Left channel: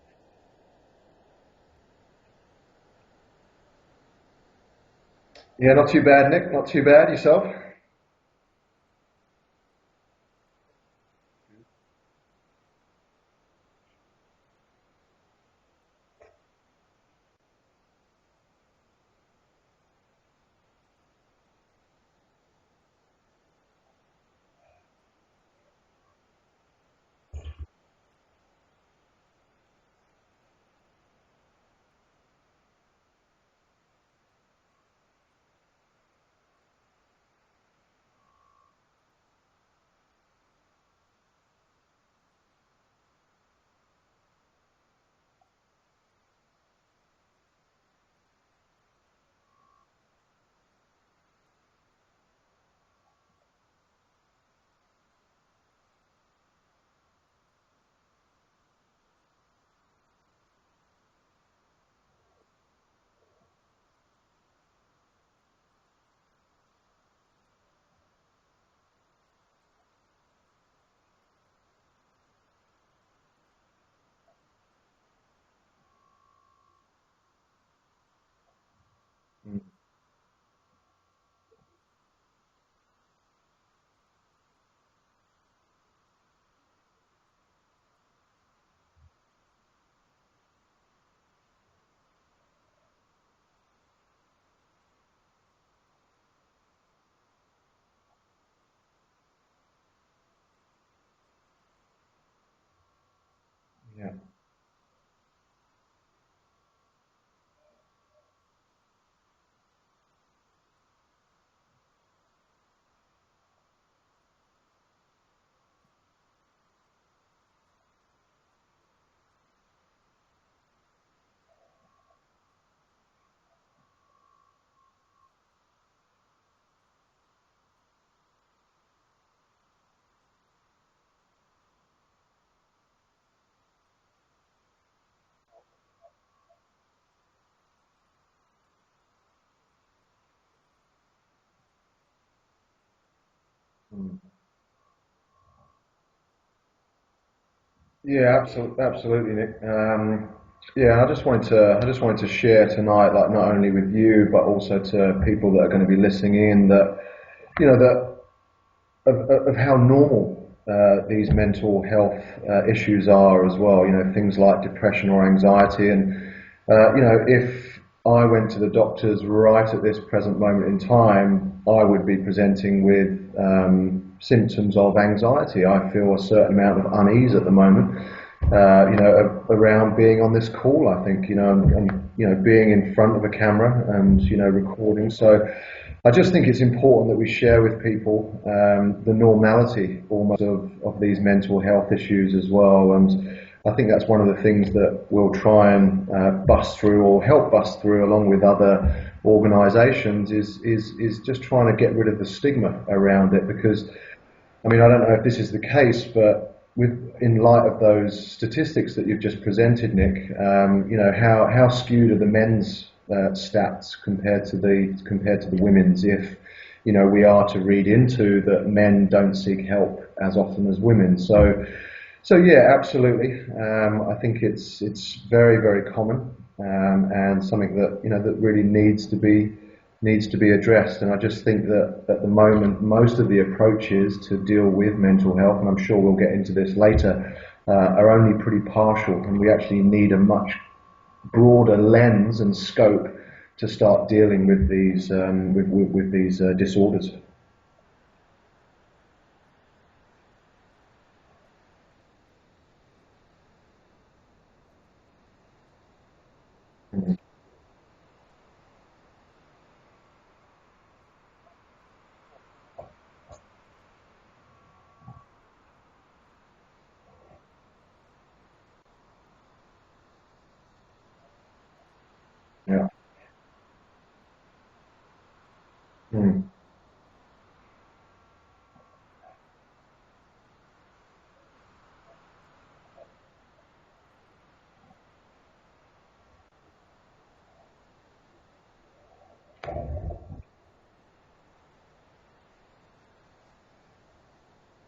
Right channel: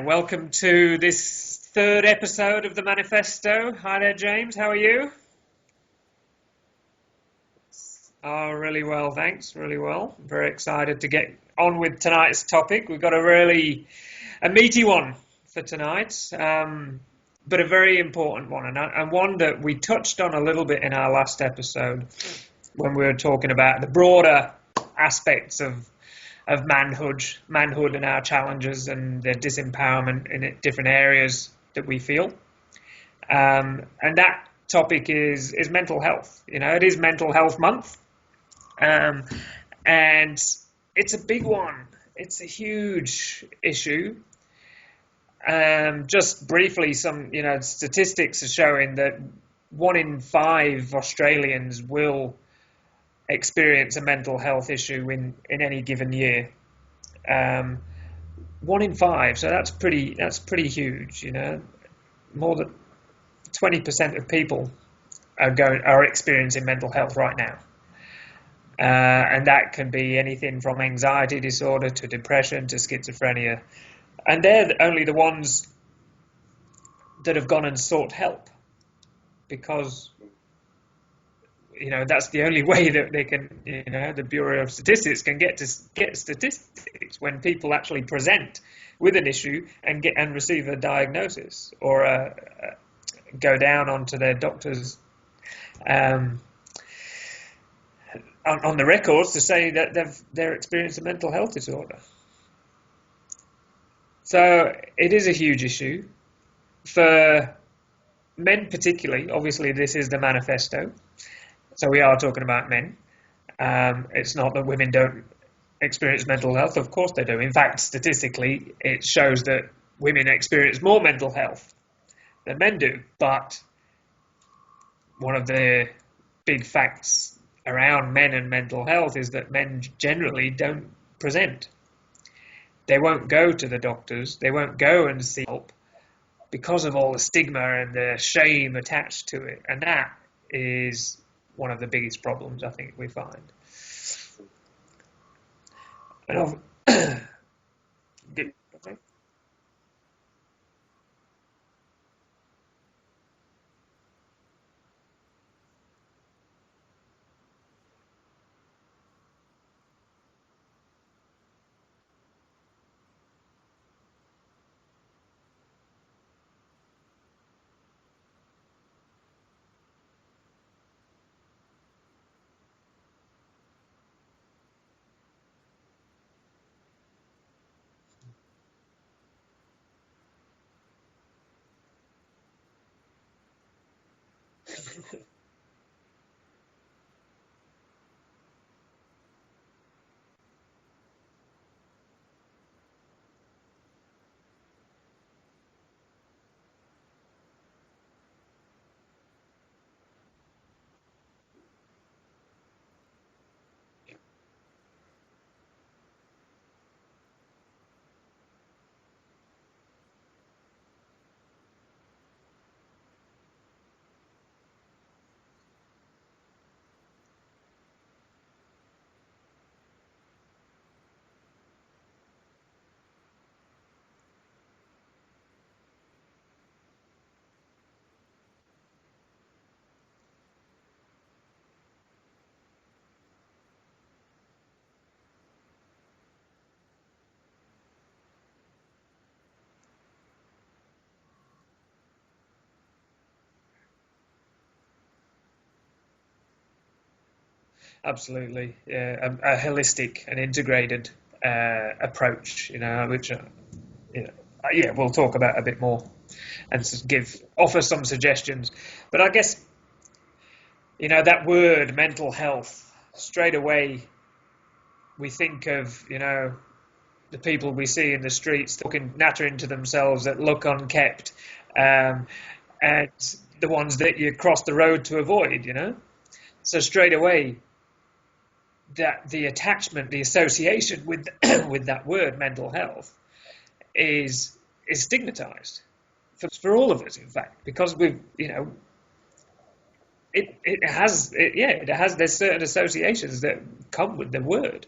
Welcome to this third episode of the Manifesto. Hi there, James. How are you? Yeah, not too bad, Nick. Not too bad. Yourself? Oh, really well, thanks. Really well. Very excited to get on with tonight's topic. We've got a meaty one for tonight, but a very important one, and one that we touched on a little bit in our last episode when we were talking about the broader aspects of manhood and our challenges and the disempowerment in different areas that we feel. And that topic is mental health. You know, it is Mental Health Month. And it's a big one. It's a huge issue. Just briefly, some statistics are showing that 1 in 5 Australians will experience a mental health issue in any given year. 1 in 5, so that's pretty huge. You know, more than 20% of people are experiencing mental health right now. And that can be anything from anxiety disorder to depression to schizophrenia. And they're only the ones that have gone and sought help, because that's the only way that they can, the Bureau of Statistics can get statistics when people actually present with an issue and receive a diagnosis or go down onto their doctor's on the records to say that they're experiencing a mental health disorder. Yeah. So it is a huge issue for men particularly. Obviously, this is the manifesto, so we are talking about men. It's not that women don't experience mental health. Of course they do. In fact, statistically, it shows that women experience more mental health than men do. But one of the big facts around men and mental health is that men generally don't present. They won't go to the doctors. They won't go and seek help because of all the stigma and the shame attached to it. And that is one of the biggest problems I think we find. Yeah, absolutely, Nick. I just wanted to share tonight, like not only with you but also to people that are going to be listening in, that of how normal these mental health issues are as well. Things like depression or anxiety, and if I went to the doctors right at this present moment in time, I would be presenting with symptoms of anxiety. I feel a certain amount of unease at the moment, around being on this call. I think, and being in front of a camera and, recording. So I just think it's important that we share with people the normality almost of these mental health issues as well. And I think that's one of the things that we'll try and bust through, or help bust through, along with other organisations, is just trying to get rid of the stigma around it. Because, I mean, I don't know if this is the case, but in light of those statistics that you've just presented, Nick, how skewed are the men's stats compared to the women's? If we are to read into that men don't seek help as often as women. So yeah, absolutely. I think it's very, very common, and something that that really needs to be addressed. And I just think that at the moment, most of the approaches to deal with mental health, and I'm sure we'll get into this later, are only pretty partial, and we actually need a much broader lens and scope to start dealing with these disorders. Absolutely, yeah, a holistic and integrated approach, which we'll talk about a bit more and offer some suggestions. But I guess that word mental health, straight away we think of the people we see in the streets nattering to themselves that look unkept, and the ones that you cross the road to avoid. So straight away, that the attachment, the association with with that word mental health is stigmatized for all of us, in fact, because we've it has there's certain associations that come with the word.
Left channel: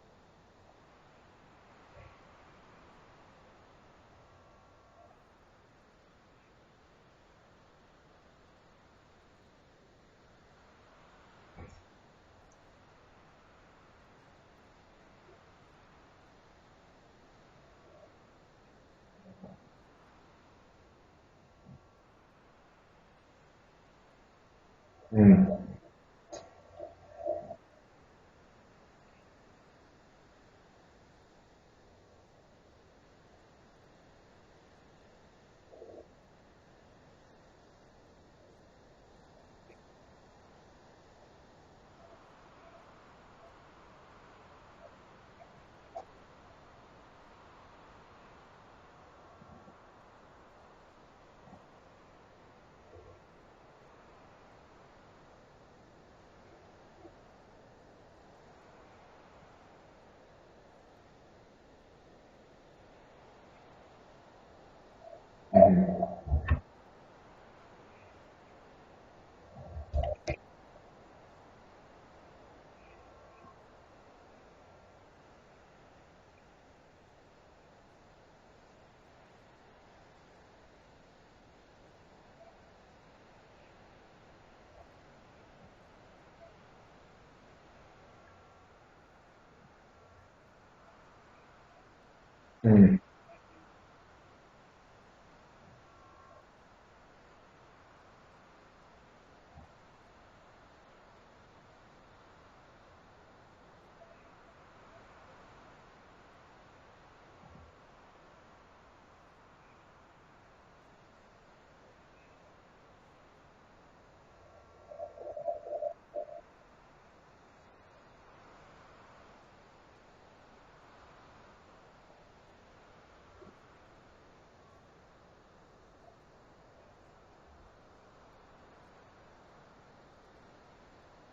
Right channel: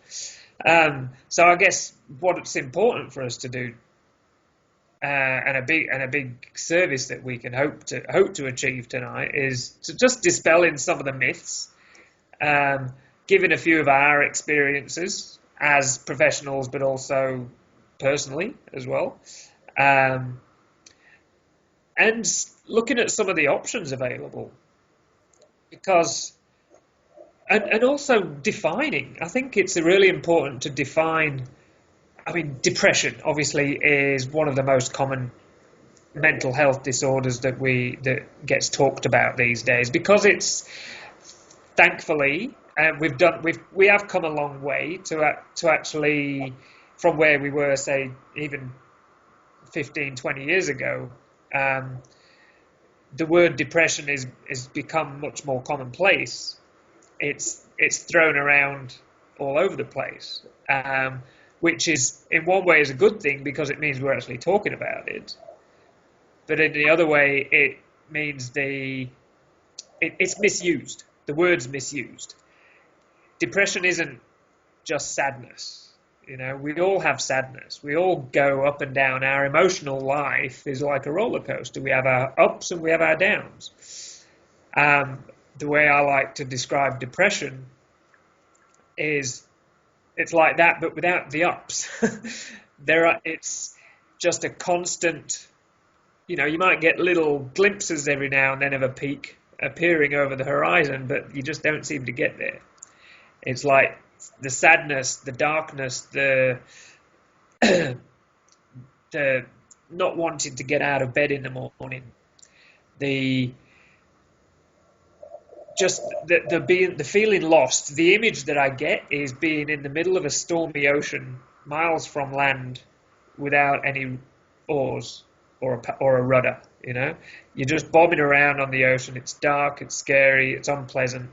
So I guess what's important for us to do and a big service that we can hope to achieve tonight is to just dispelling some of the myths, given a few of our experiences as professionals, but also personally as well, and looking at some of the options available, because and also defining. I think it's really important to define. I mean, depression obviously is one of the most common mental health disorders that gets talked about these days, because it's, thankfully, we have come a long way to actually, from where we were, say, even 15, 20 years ago. The word depression is become much more commonplace. It's thrown around all over the place. Which is, in one way, is a good thing, because it means we're actually talking about it. But in the other way, it means it's misused. The word's misused. Depression isn't just sadness. You know, we all have sadness. We all go up and down. Our emotional life is like a roller coaster. We have our ups and we have our downs. The way I like to describe depression is, it's like that, but without the ups. It's just a constant, you know, you might get little glimpses every now and then of a peak appearing over the horizon, but you just don't seem to get there. It's like the sadness, the darkness, the not wanting to get out of bed in the morning, the feeling lost. The image that I get is being in the middle of a stormy ocean, miles from land, without any oars or a rudder. You know, you're just bobbing around on the ocean. It's dark, it's scary, it's unpleasant,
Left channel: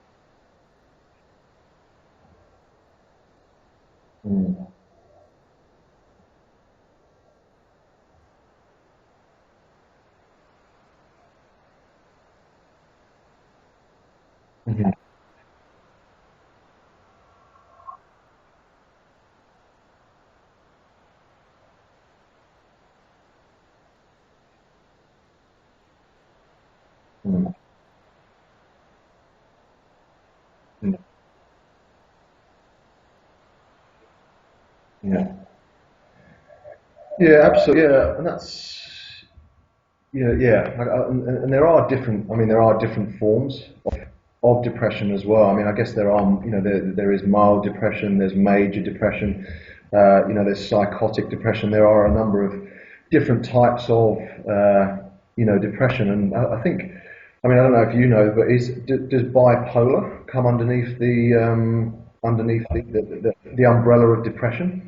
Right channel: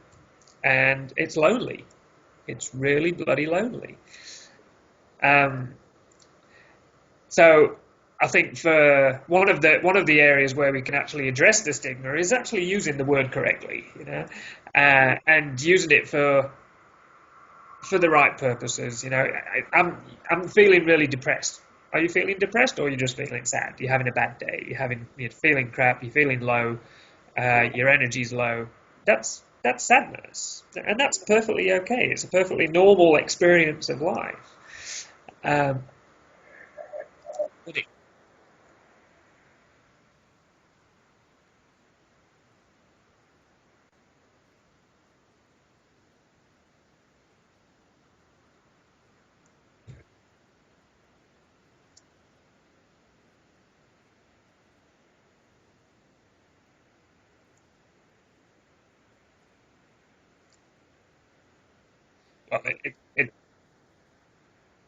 and it's lonely. It's really bloody lonely. So I think for one of the areas where we can actually address the stigma is actually using the word correctly, you know, and using it for the right purposes. You know, I'm feeling really depressed. Are you feeling depressed, or are you just feeling sad? You're having a bad day. You're feeling crap. You're feeling low. Your energy's low. That's sadness, and that's perfectly okay. It's a perfectly normal experience of life. Yeah, absolutely. Yeah, and that's and there are different forms of depression as well. I mean, I guess there are, you know, there is mild depression, there's major depression, you know, there's psychotic depression. There are a number of different types of you know, depression, and I think, I mean, I don't know if you know, but does bipolar come underneath the umbrella of depression?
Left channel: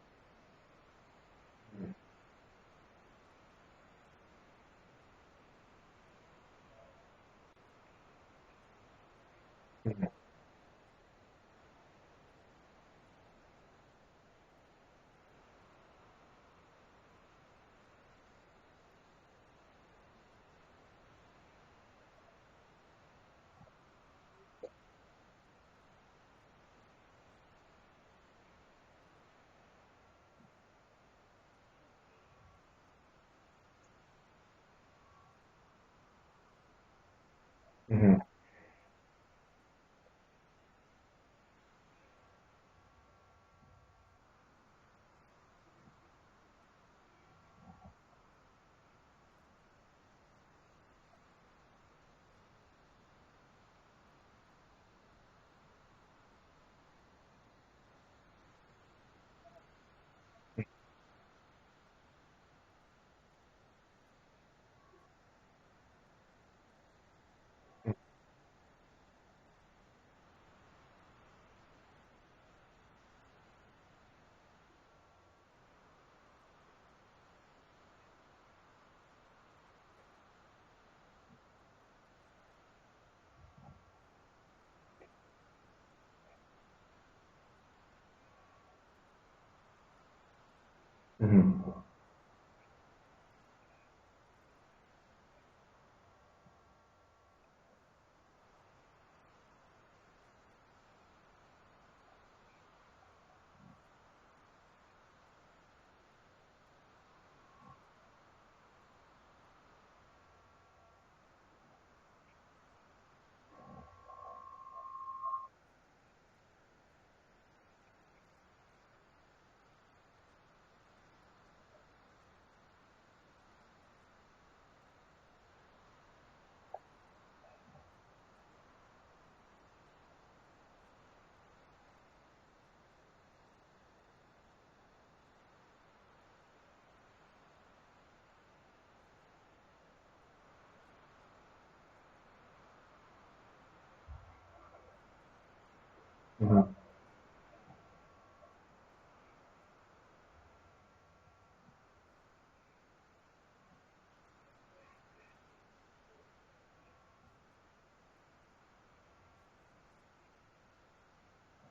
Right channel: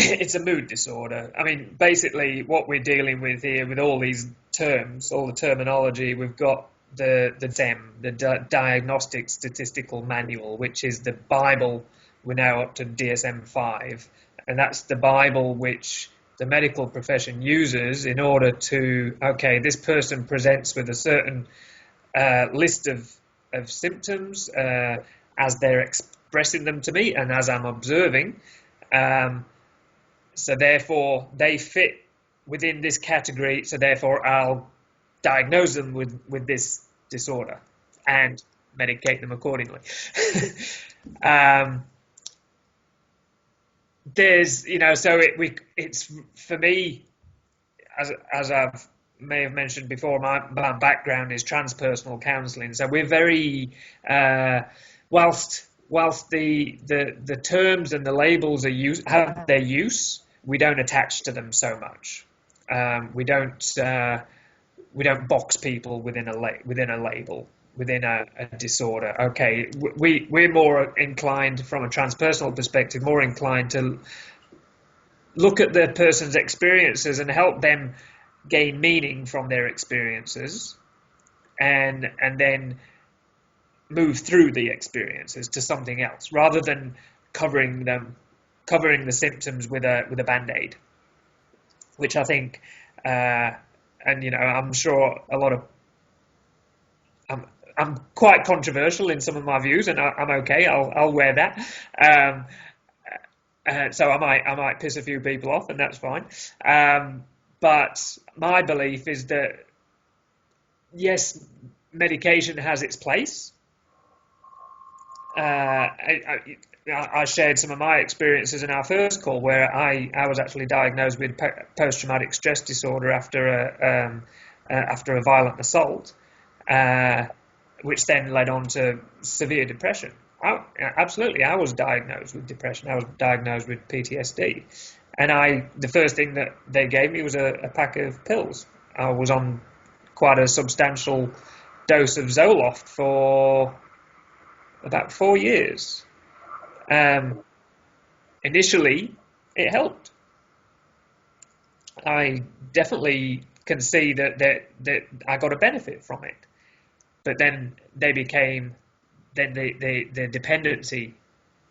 It's a mood disorder. I mean, basically, what we're dealing with here, with all these terms, all the terminology, we've got the DSM, the Diagnostic Statistical Manual, which is the Bible. We're now up to DSM-5, and that's the Bible which the medical profession uses in order to, okay, this person presents with a certain list of symptoms as they're expressing them to me and as I'm observing. So therefore, they fit within this category. So therefore, I'll diagnose them with this disorder and medicate them accordingly. There's, you know, so it's for me, as I may have mentioned before, my background is transpersonal counselling. So we're very whilst the terms and the labels have their use, we don't attach to them so much. We don't box people within a label, within a disorder. Okay, we're more inclined, from a transpersonal perspective, more inclined to look at the person's experiences and help them gain meaning from their experiences, and then move through the experiences to something else, rather than covering the symptoms with a band-aid, which I think, and you know, I'm sure a lot of, I'm quite controversial in some of my views, and I'm okay. I'll wear that. So I might piss a few people off, and that's fine. But my belief is that, yes, medication has its place. I shared some of my experiences in our first call, where I was actually diagnosed with post-traumatic stress disorder after a violent assault, which then led on to severe depression. Absolutely, I was diagnosed with depression. I was diagnosed with PTSD, and the first thing that they gave me was a pack of pills. I was on quite a substantial dose of Zoloft for about 4 years. Initially, it helped. I definitely can see that I got a benefit from it, but then the dependency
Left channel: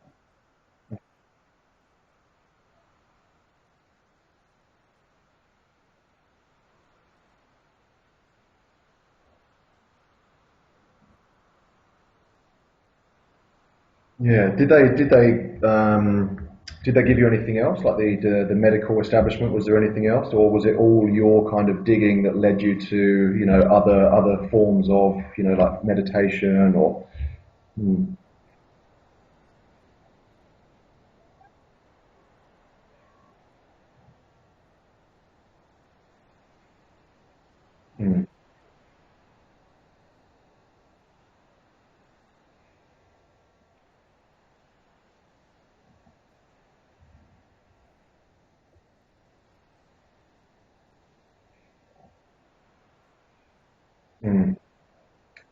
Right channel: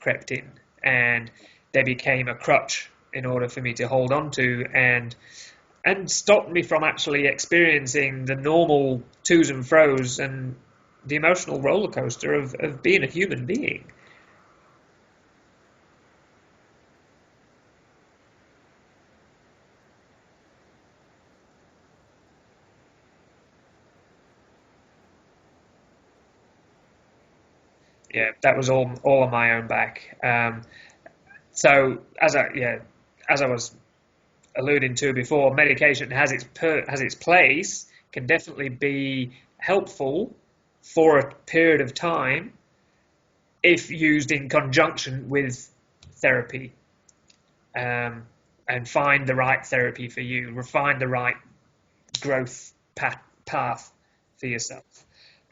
crept in, and they became a crutch in order for me to hold on to, and stopped me from actually experiencing the normal to's and fro's and the emotional roller coaster of being a human being. Yeah. Did they give you anything else, like the medical establishment? Was there anything else, or was it all your kind of digging that led you to other forms of like meditation or? Yeah, that was all on my own back. So as I was alluding to before, medication has its place, can definitely be helpful for a period of time if used in conjunction with therapy, and find the right therapy for you, refine the right growth path for yourself.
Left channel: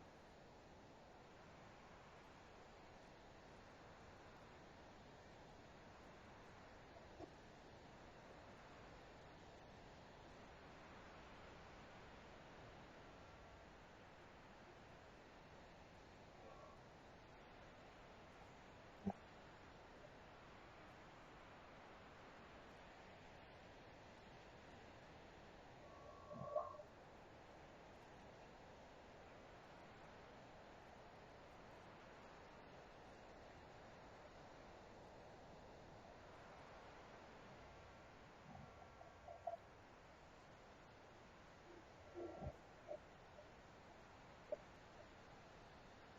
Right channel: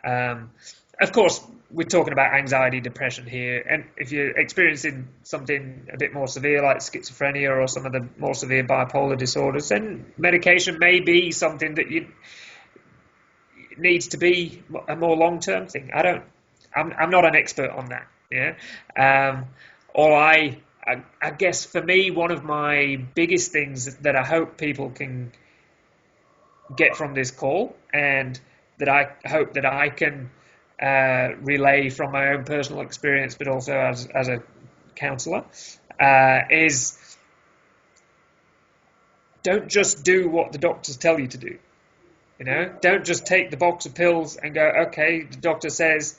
Of course, we're talking about anxiety, depression here, and if you're experiencing something a bit more severe like schizophrenia or some of the more severe bipolar disorders, then medication may be something that needs to be a more long-term thing. I'm not an expert on that. Yeah. I guess for me, one of my biggest things that I hope people can get from this call, and that I hope that I can relay from my own personal experience, but also as a counsellor, is don't just do what the doctors tell you to do. Don't just take the box of pills and go, okay, the doctor says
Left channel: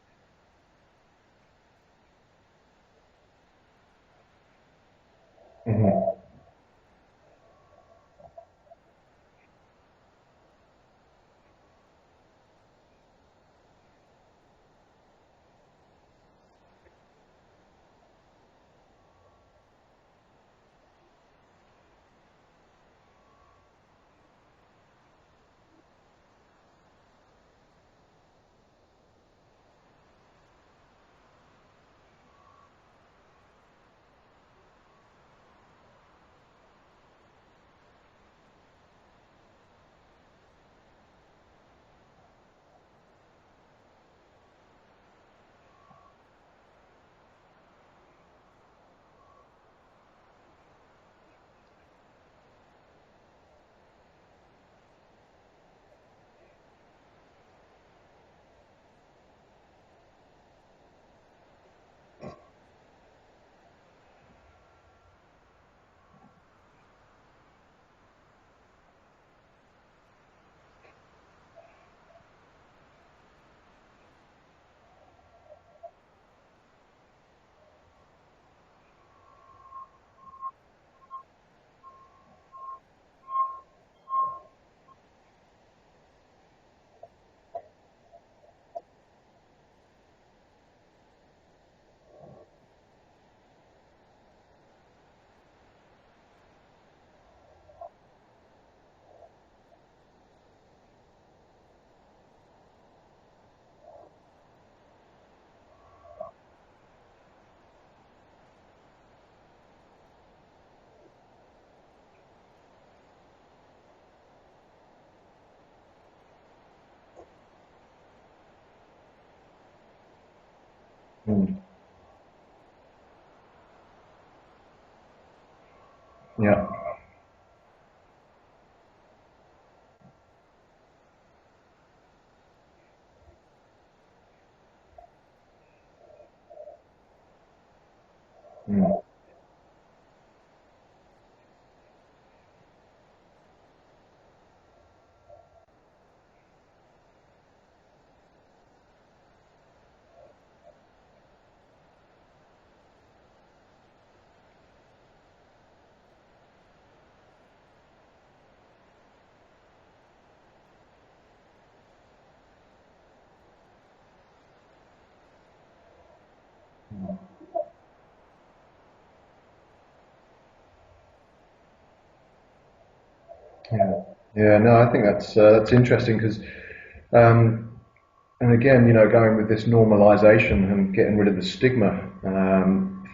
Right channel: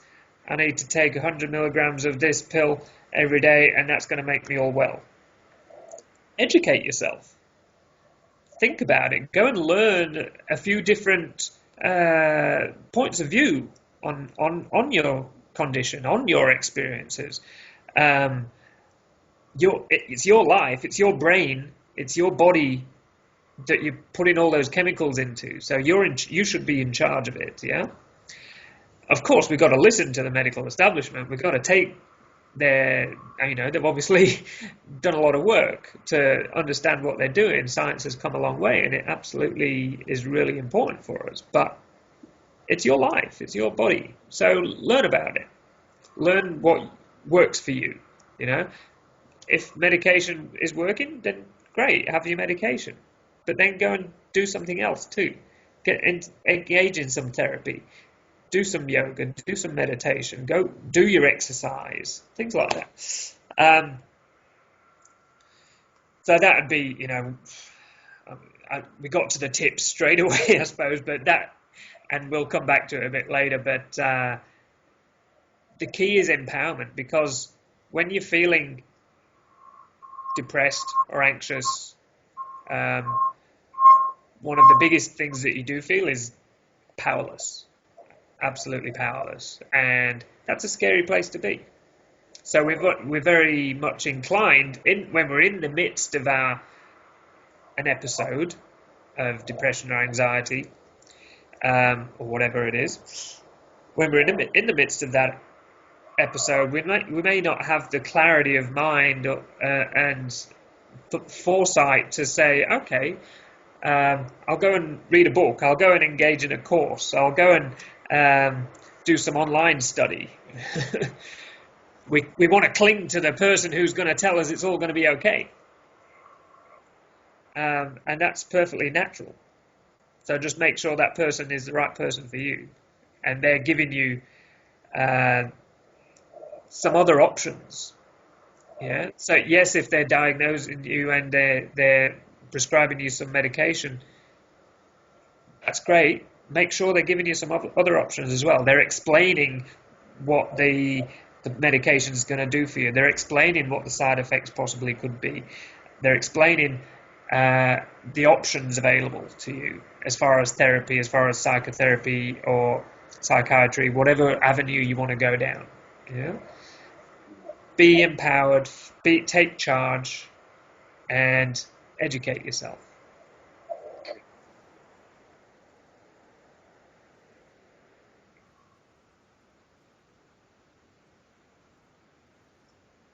I need to take 100 milligrams of this pill every day, and that's going to make me all well. Educate yourself. Think about it. Go and learn a few different points of view on your condition, on your experiences. It's your life, it's your brain, it's your body that you're putting all those chemicals into. So you should be in charge of it. Yeah. Of course, we've got to listen to the medical establishment. We've got to take they've obviously done a lot of work to understand what they're doing. Science has come a long way, and it absolutely is really important for us. But it's your life, it's your body. So learn about it. Learn what works for you. If medication is working, then great, have your medication. But then go and do something else too. Engage in some therapy. Do some yoga, do some meditation, go do your exercise, things like that. So that would be, we got to the tips straight away, I suppose, and we'll come back to it a bit later, but the key is empowerment, because when you're feeling depressed or anxious, one of the biggest things that you do feel is powerless. Absolutely powerless, and that's a scary place to be. So we're very much inclined when we're in the midst of an episode of depression or anxiety, or whatever it is. When we're in the midst of that episode, we may not have the clarity of mind and foresight to say, okay, I'll go and read a book, I'll go and engage in a course, I'll go and do some online study. We want to cling to the person who's going to tell us it's all going to be okay. Yeah. And that's perfectly natural. So just make sure that person is the right person for you, and they're giving you some other options. Yeah. So yes, if they're diagnosing you and they're prescribing you some medication, that's great. Make sure they're giving you some other options as well. They're explaining what the medication is going to do for you. They're explaining what the side effects possibly could be. They're explaining the options available to you as far as therapy, as far as psychotherapy or psychiatry, whatever avenue you want to go down. Yeah? Be empowered, take charge, and educate yourself. Yeah. No, I think that's interesting because, and again, going with this normalization and getting rid of the stigma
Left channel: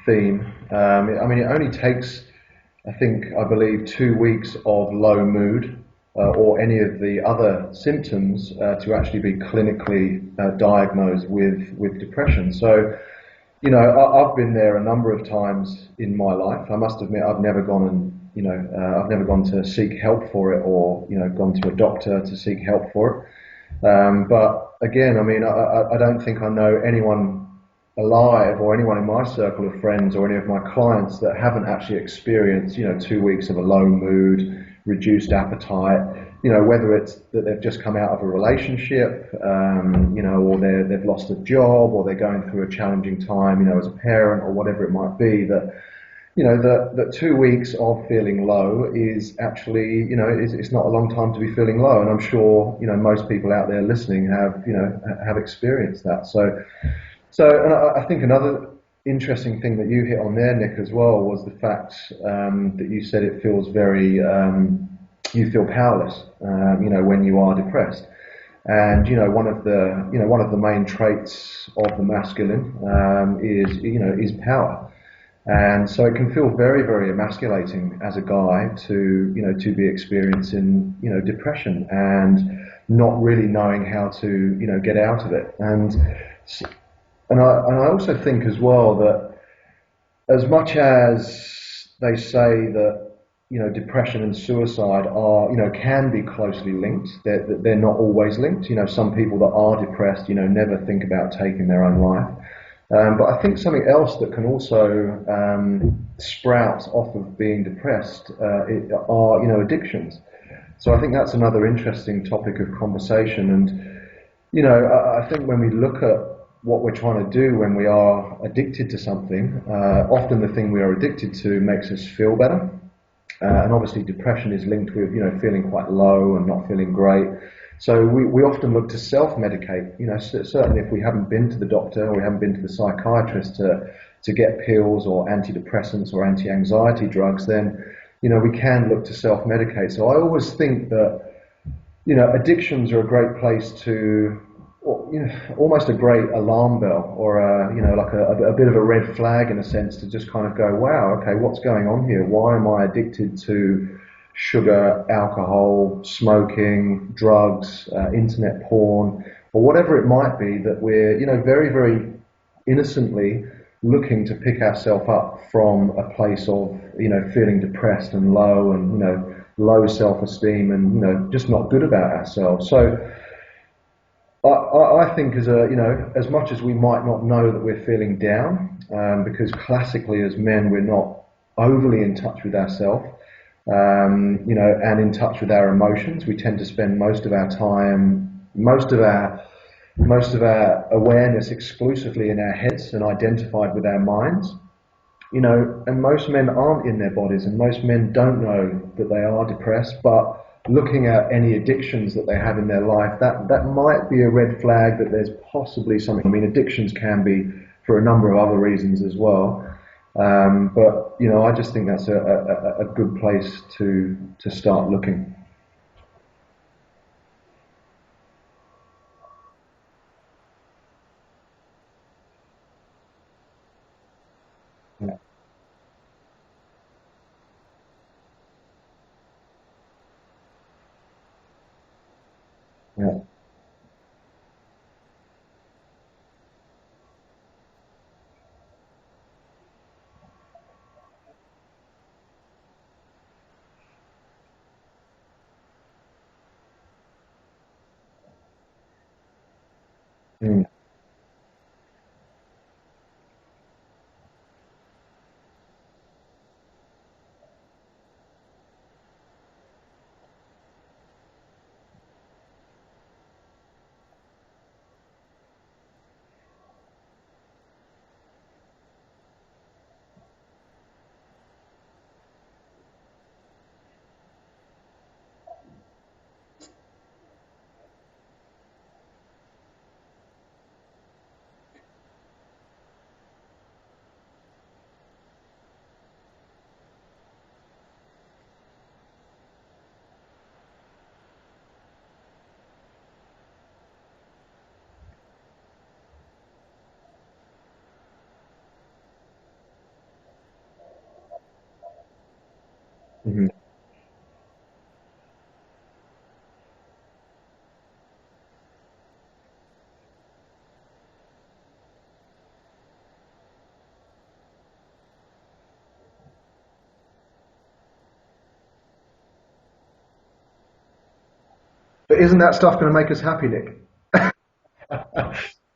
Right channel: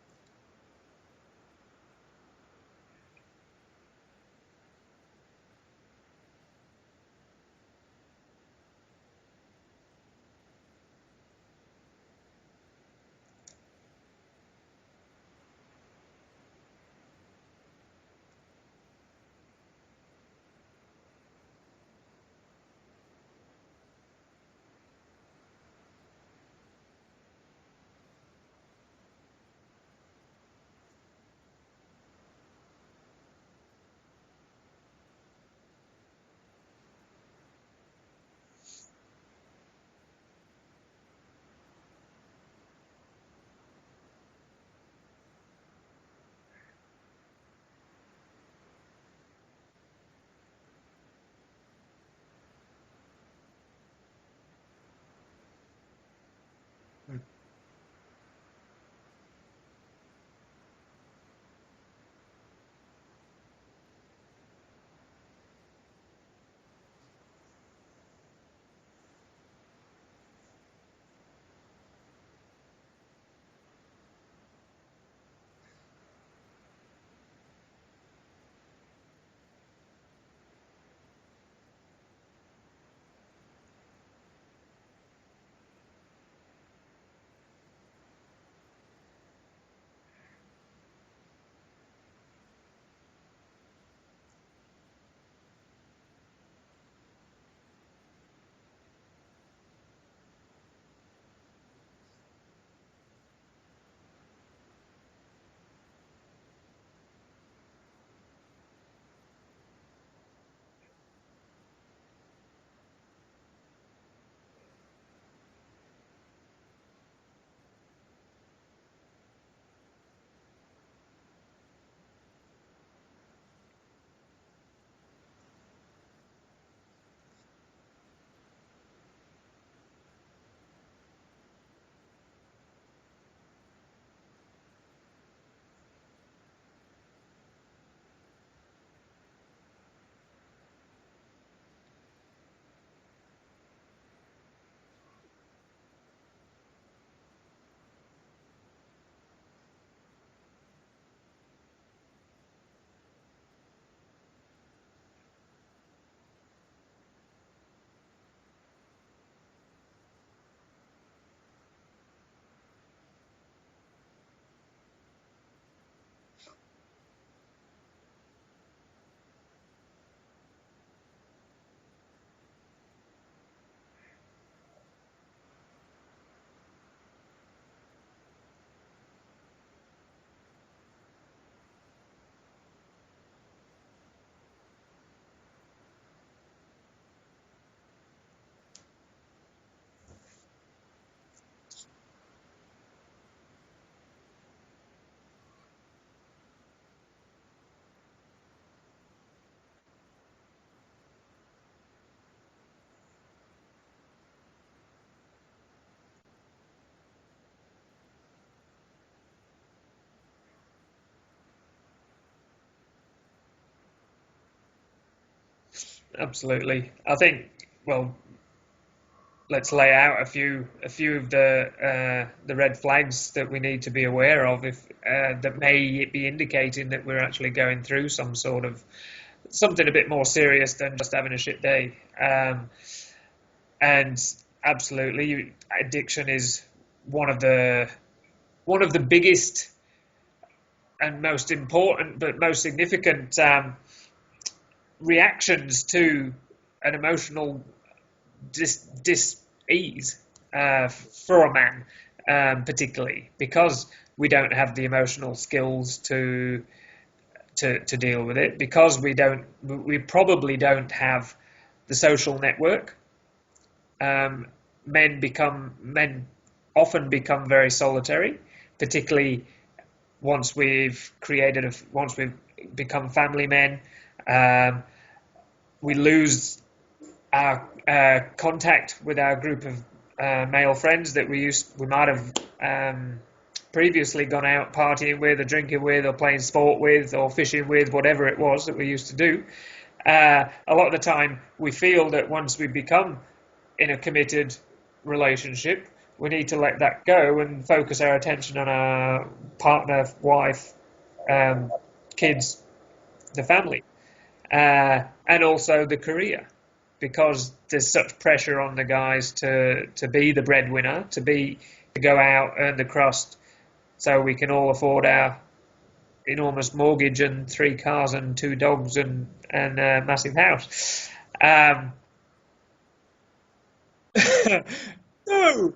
theme. I mean, it only takes, I believe, 2 weeks of low mood or any of the other symptoms to actually be clinically diagnosed with depression. So, I've been there a number of times in my life. I must admit, I've never gone I've never gone to seek help for it, or gone to a doctor to seek help for it. But again, I mean, I don't think I know anyone alive or anyone in my circle of friends or any of my clients that haven't actually experienced, 2 weeks of a low mood, reduced appetite, whether it's that they've just come out of a relationship, or they've lost a job, or they're going through a challenging time, as a parent, or whatever it might be, that that 2 weeks of feeling low is actually, it's not a long time to be feeling low. And I'm sure, most people out there listening have experienced that. So and I think another interesting thing that you hit on there, Nick, as well, was the fact that you said it feels very, you feel powerless, when you are depressed. And one of the main traits of the masculine is power. And so it can feel very, very emasculating as a guy to be experiencing, depression and not really knowing how to, get out of it. And I also think as well that as much as they say that, depression and suicide are, can be closely linked, they're not always linked. Some people that are depressed, never think about taking their own life. But I think something else that can also sprout off of being depressed are, addictions. So I think that's another interesting topic of conversation. And, I think when we look at what we're trying to do when we are addicted to something, often the thing we are addicted to makes us feel better. And obviously depression is linked with, feeling quite low and not feeling great. So we often look to self-medicate, certainly if we haven't been to the doctor or we haven't been to the psychiatrist to get pills or antidepressants or anti-anxiety drugs, then, we can look to self-medicate. So I always think that, addictions are a great place to, almost a great alarm bell or, like a bit of a red flag in a sense to just kind of go, wow, okay, what's going on here? Why am I addicted to sugar, alcohol, smoking, drugs, internet porn, or whatever it might be that we're, very, very innocently looking to pick ourselves up from a place of, feeling depressed and low and, low self-esteem and, just not good about ourselves. So I think as much as we might not know that we're feeling down, because classically as men, we're not overly in touch with ourselves, and in touch with our emotions. We tend to spend most of our time, most of our awareness exclusively in our heads and identified with our minds. And most men aren't in their bodies, and most men don't know that they are depressed, but looking at any addictions that they have in their life, that might be a red flag that there's possibly something. I mean, addictions can be for a number of other reasons as well. But I just think that's a good place to start looking. Absolutely. I think, well, let's lay out a few of the red flags that we need to be aware of that may be indicating that we're actually going through some sort of something a bit more serious than just having a shit day. And absolutely, addiction is one of the biggest and most important but most significant reactions to an emotional dis-ease for a man, particularly because we don't have the emotional skills to to deal with it, because we probably don't have the social network. Men often become very solitary, particularly once we've become family men. We lose our contact with our group of male friends that we might have previously gone out partying with, or drinking with, or playing sport with, or fishing with, whatever it was that we used to do. A lot of the time we feel that once we become in a committed relationship, we need to let that go and focus our attention on our partner, wife, kids, the family, and also the career, because there's such pressure on the guys to be the breadwinner, to go out, earn the crust, so we can all afford our enormous mortgage and 3 cars and 2 dogs and a massive house. But isn't that stuff going to make us happy, Nick? No.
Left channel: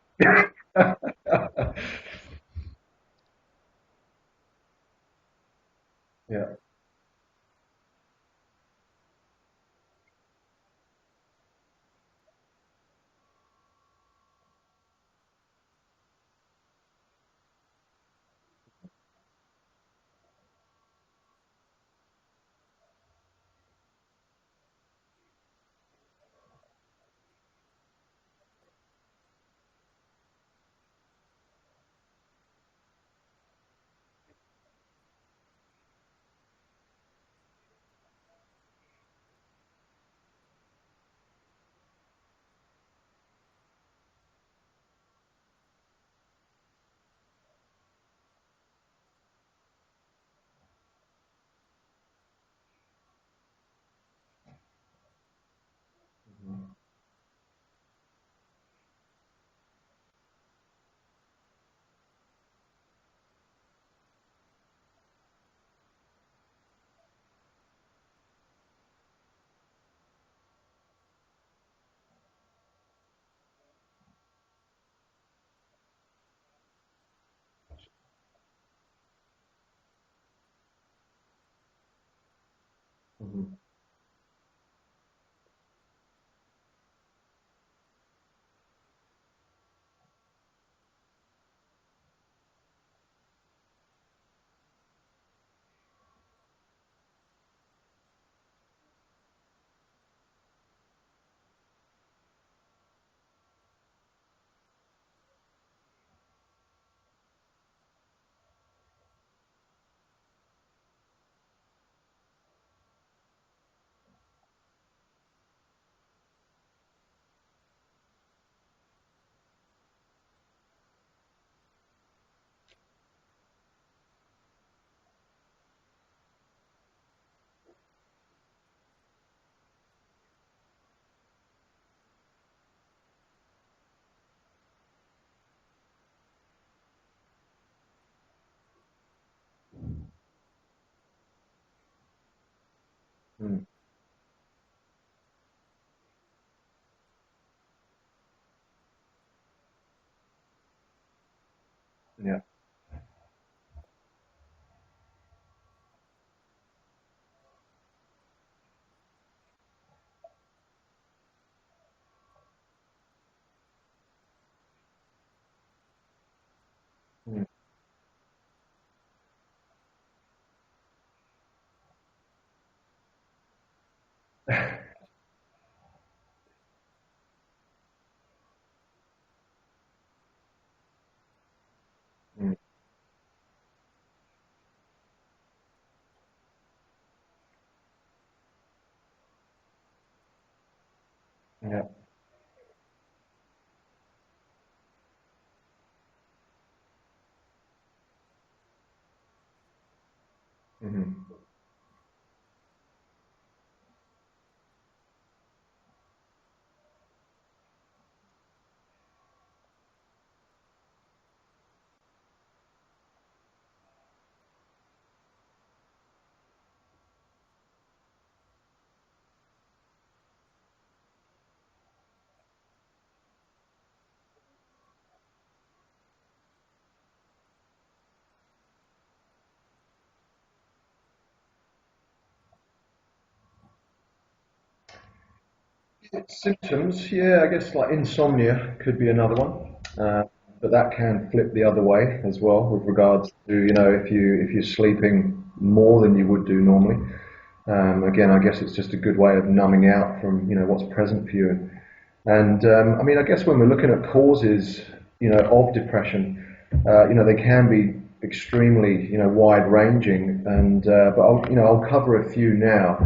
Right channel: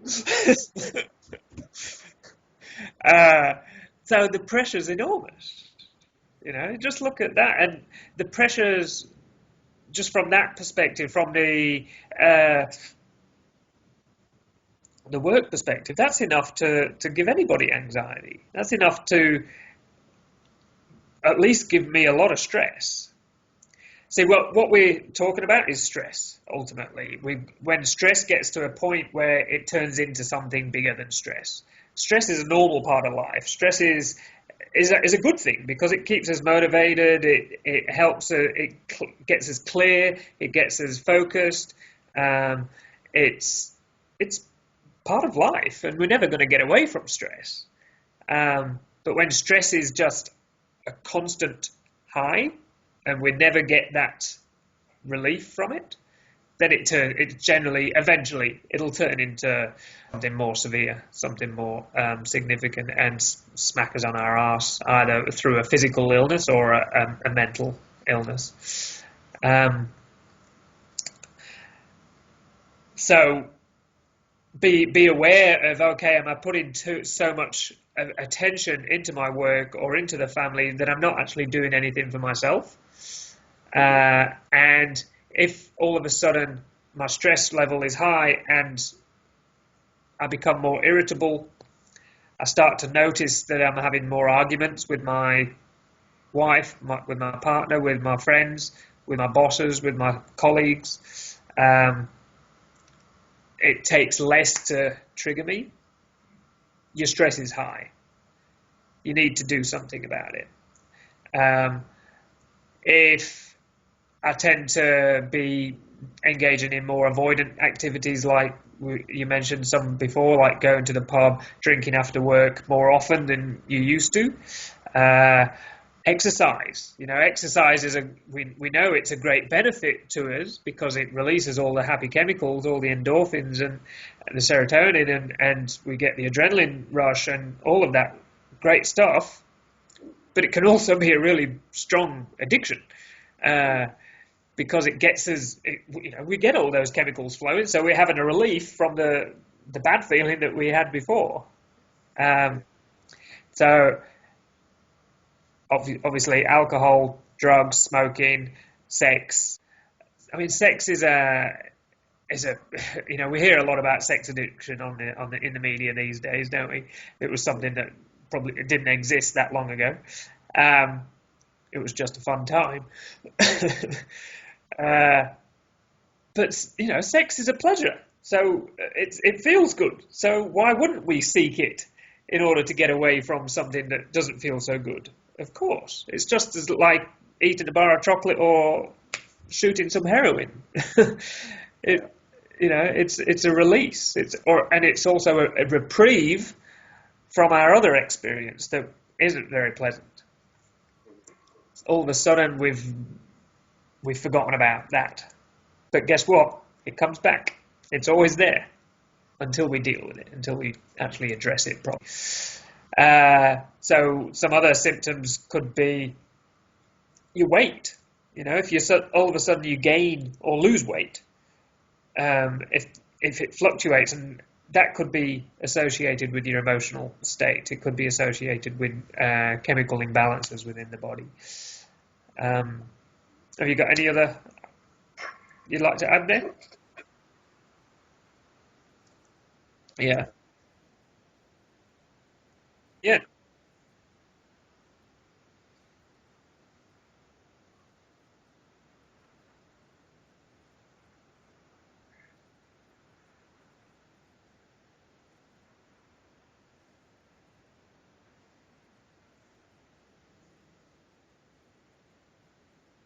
So the pressure's enormous. Yeah. Just look at that, and the pressures, just from that perspective, from the work perspective, that's enough to give anybody anxiety. That's enough to at least give me a lot of stress. See, what we're talking about is stress, ultimately. When stress gets to a point where it turns into something bigger than stress. Stress is a normal part of life. Stress is a good thing, because it keeps us motivated, it helps, it gets us clear, it gets us focused. It's part of life, and we're never going to get away from stress. But when stress is just a constant high, and we never get that relief from it, then it generally, eventually, it'll turn into something more severe, something more significant, and smack us on our arse, either through a physical illness or a mental illness. So be aware of, okay, am I putting so much attention into my work or into the family that I'm not actually doing anything for myself? And if all of a sudden my stress level is high and I become more irritable, I start to notice that I'm having more arguments with my wife, with my partner, with my friends, with my bosses, with my colleagues. It takes less to trigger me. Your stress is high. You need to do something about it. If I tend to be engaging in more avoidant activities, like you mentioned some before, like going to the pub, drinking after work more often than you used to. Exercise. Exercise we know it's a great benefit to us, because it releases all the happy chemicals, all the endorphins and the serotonin, and we get the adrenaline rush and all of that great stuff. But it can also be a really strong addiction. Because it gets us, we get all those chemicals flowing, so we're having a relief from the bad feeling that we had before. So obviously, alcohol, drugs, smoking, sex. I mean, sex is a we hear a lot about sex addiction in the media these days, don't we? It was something that probably didn't exist that long ago. It was just a fun time. But sex is a pleasure, so it feels good. So why wouldn't we seek it in order to get away from something that doesn't feel so good? Of course, it's just as like eating a bar of chocolate or shooting some heroin. It's a release. And it's also a reprieve from our other experience that isn't very pleasant. All of a sudden we've forgotten about that. But guess what? It comes back. It's always there until we deal with it, until we actually address it properly. So some other symptoms could be your weight. If all of a sudden you gain or lose weight, if it fluctuates, and that could be associated with your emotional state. It could be associated with chemical imbalances within the body. Have you got any other you'd like to add there? Symptoms, yeah, I guess like insomnia could be another one. Yeah. But that can flip the other way as well with Yeah. regards to, if you're sleeping more than you would do normally. Again, I guess it's just a good way of numbing out from, what's present for you. And I mean, I guess when we're looking at causes, of depression, they can be extremely, wide-ranging. And but I'll cover a few now.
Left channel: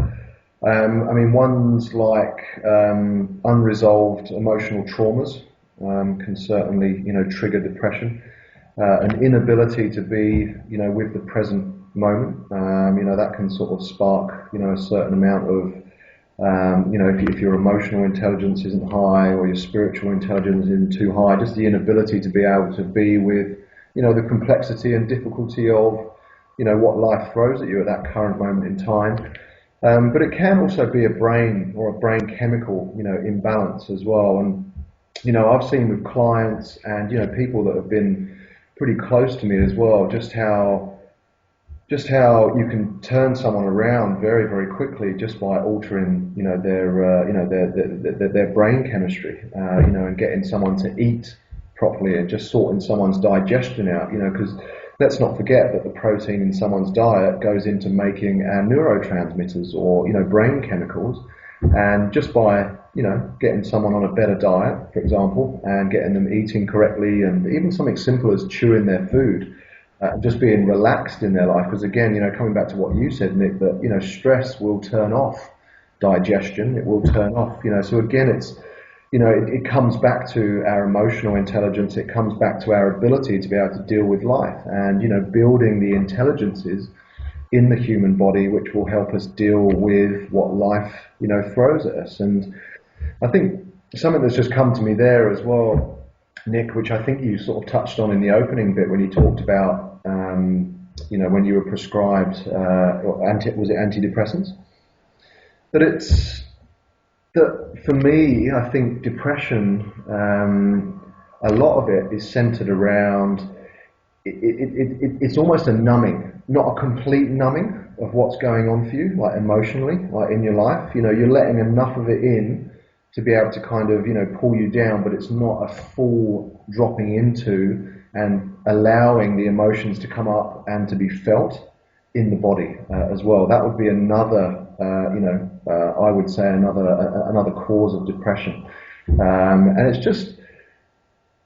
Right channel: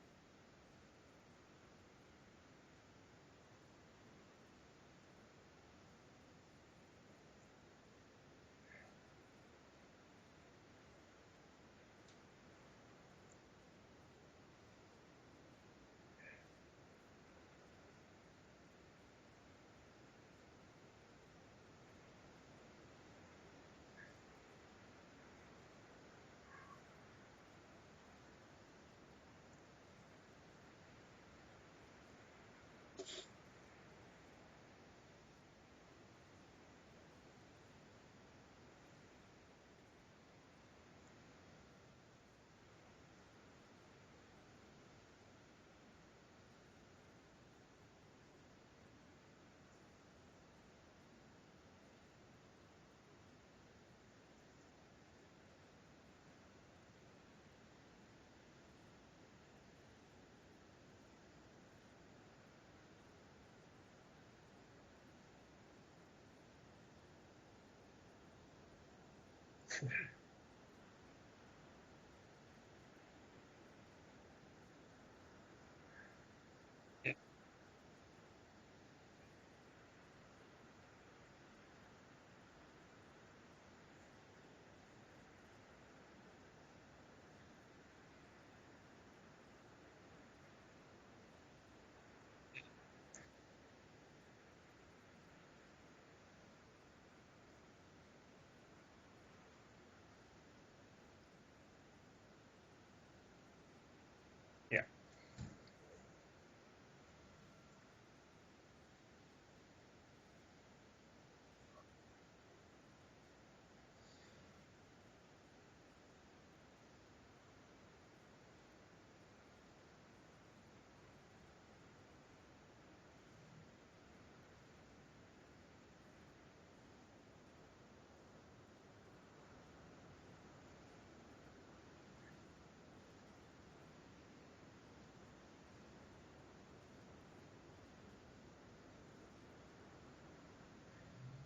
I mean, ones like unresolved emotional traumas can certainly, trigger depression. An inability to be, with the present moment, that can sort of spark, a certain amount of, if your emotional intelligence isn't high or your spiritual intelligence isn't too high, just the inability to be able to be with, the complexity and difficulty of, what life throws at you at that current moment in time. But it can also be a brain or a brain chemical, imbalance as well. And, I've seen with clients and, people that have been pretty close to me as well, just how you can turn someone around very, very quickly just by altering, their brain chemistry, and getting someone to eat properly and just sorting someone's digestion out, because let's not forget that the protein in someone's diet goes into making our neurotransmitters or, brain chemicals. And just by, getting someone on a better diet, for example, and getting them eating correctly, and even something simple as chewing their food, just being relaxed in their life. Because again, coming back to what you said, Nick, that, stress will turn off digestion. It will turn off, so again, it's, it comes back to our emotional intelligence. It comes back to our ability to be able to deal with life and, building the intelligences in the human body, which will help us deal with what life, throws at us. And I think something that's just come to me there as well, Nick, which I think you sort of touched on in the opening bit when you talked about, when you were prescribed, was it antidepressants? Yeah. That for me, I think depression, a lot of it is centered around, it's almost a numbing, not a complete numbing of what's going on for you, like emotionally, like in your life. You're letting enough of it in to be able to kind of, pull you down, but it's not a full dropping into and allowing the emotions to come up and to be felt in the body as well. That would be another, I would say another cause of depression. And it's just,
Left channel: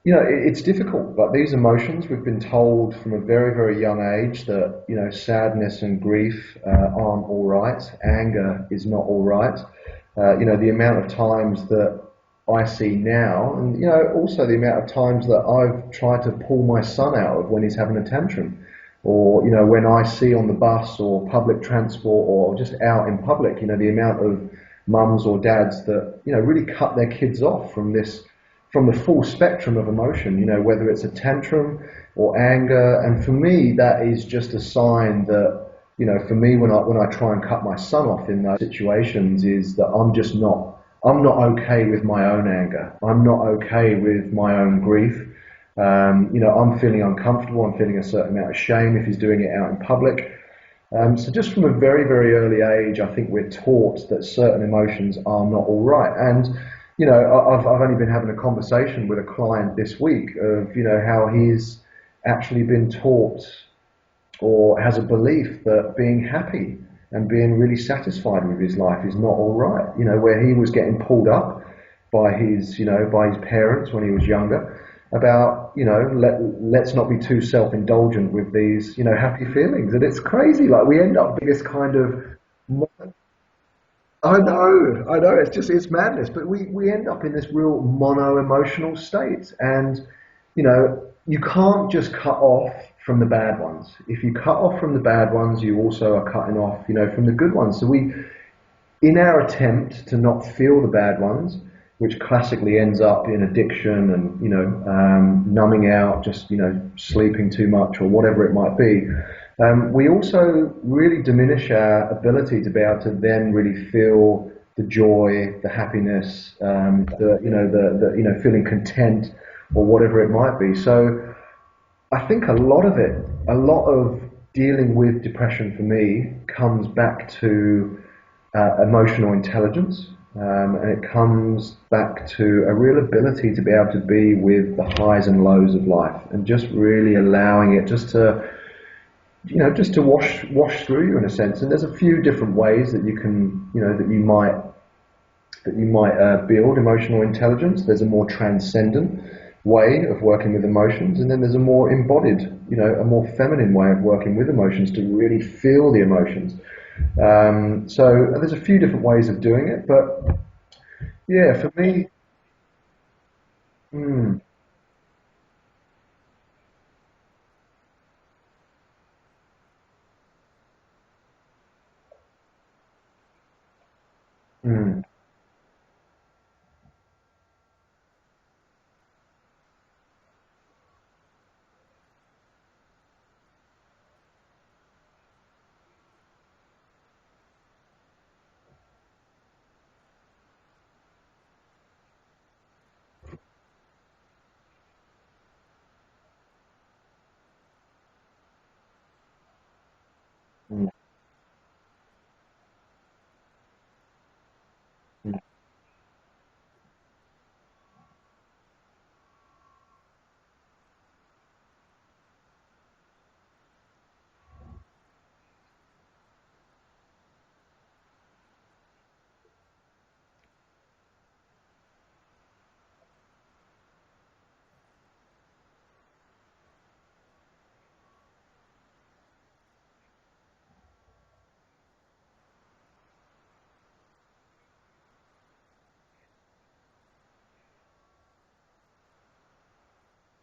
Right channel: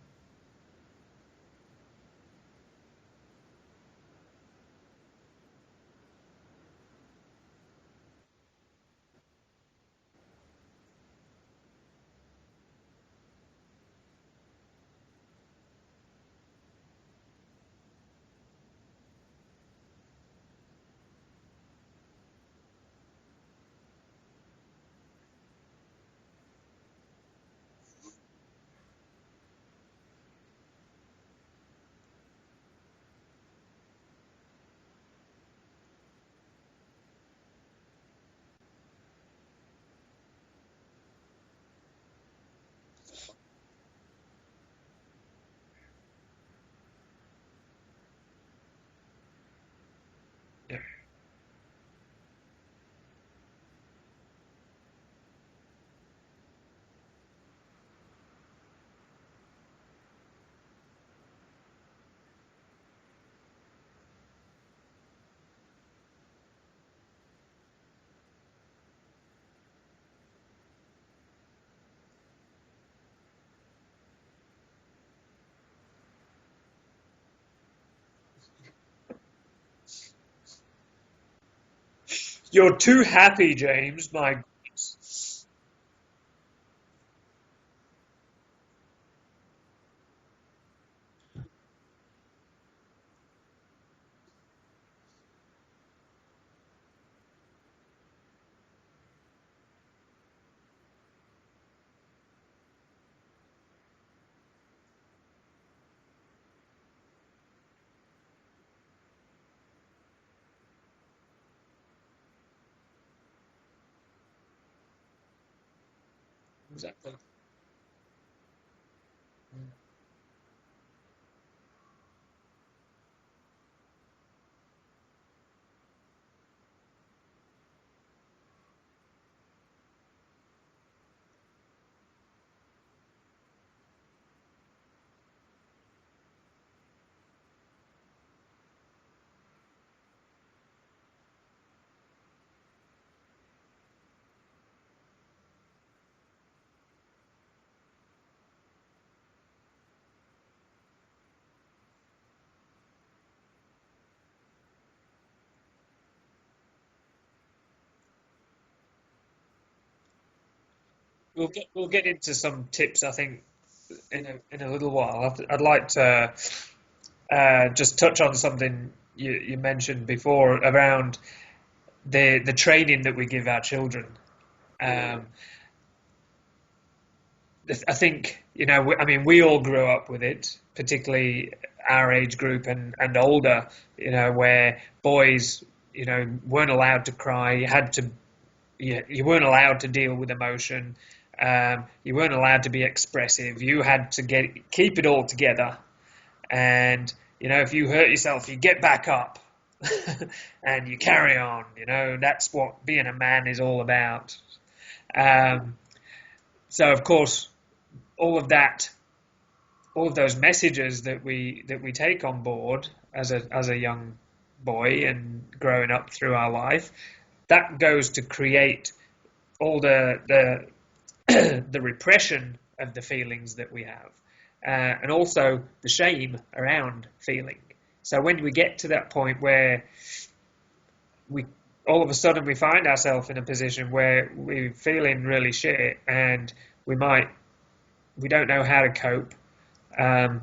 it's difficult. Like these emotions, we've been told from a very, very young age that, sadness and grief aren't all right. Anger is not all right. The amount of times that I see now, and, also the amount of times that I've tried to pull my son out of when he's having a tantrum. Or, when I see on the bus or public transport or just out in public, the amount of mums or dads that, really cut their kids off from the full spectrum of emotion, whether it's a tantrum or anger. And for me, that is just a sign that, for me, when I try and cut my son off in those situations, is that I'm not okay with my own anger. I'm not okay with my own grief. I'm feeling uncomfortable. I'm feeling a certain amount of shame if he's doing it out in public. So just from a very, very early age, I think we're taught that certain emotions are not all right. And, I've only been having a conversation with a client this week of, how he's actually been taught or has a belief that being happy and being really satisfied with his life is not all right. Where he was getting pulled up by his parents when he was younger about, let's not be too self-indulgent with these, happy feelings. And it's crazy. Like we end up being this kind of... You're too happy, James. I know. It's madness. But we end up in this real mono-emotional state. And, you can't just cut off from the bad ones. If you cut off from the bad ones, you also are cutting off, from the good ones. So in our attempt to not feel the bad ones, which classically ends up in addiction and, numbing out, just, sleeping too much or whatever it might be, we also really diminish our ability to be able to then really feel the joy, the happiness, feeling content or whatever it might be. So I think a lot of dealing with depression for me comes back to emotional intelligence, and it comes back to a real ability to be able to be with the highs and lows of life, and just really allowing it just to, just to wash through you in a sense. And there's a few different ways that you can, that you might build emotional intelligence. There's a more transcendent way of working with emotions, and then there's a more embodied, a more feminine way of working with emotions to really feel the emotions. So there's a few different ways of doing it, but yeah, for me, we'll get into some tips, I think, in a little while. I'd like to just touch on something you mentioned before around the training that we give our children. I think, we all grew up with it, particularly our age group and older, where boys, weren't allowed to cry. You weren't allowed to deal with emotion. You weren't allowed to be expressive. You had to keep it all together. And, if you hurt yourself, you get back up and you carry on. That's what being a man is all about. So, of course, all of those messages that we take on board as a young boy and growing up through our life, that goes to create all the the repression of the feelings that we have, and also the shame around feeling. So when we get to that point where we all of a sudden we find ourselves in a position where we're feeling really shit and we don't know how to cope, then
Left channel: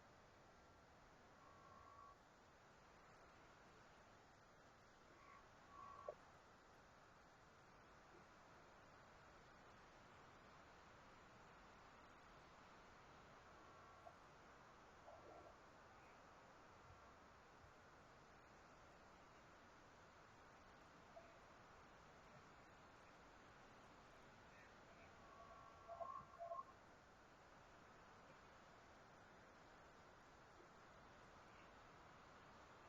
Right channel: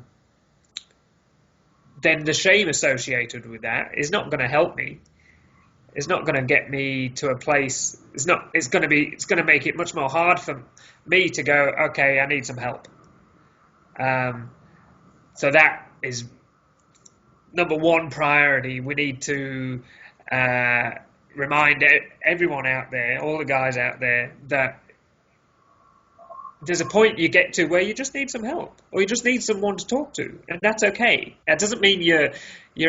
the shame associated with that is not going to help me. It's not going to get me to a place. It's going to make it much more hard for me to go, okay, I need some help. So that is number one priority. We need to remind everyone out there, all the guys out there, that there's a point you get to where you just need some help, or you just need someone to talk to, and that's okay. That doesn't mean you're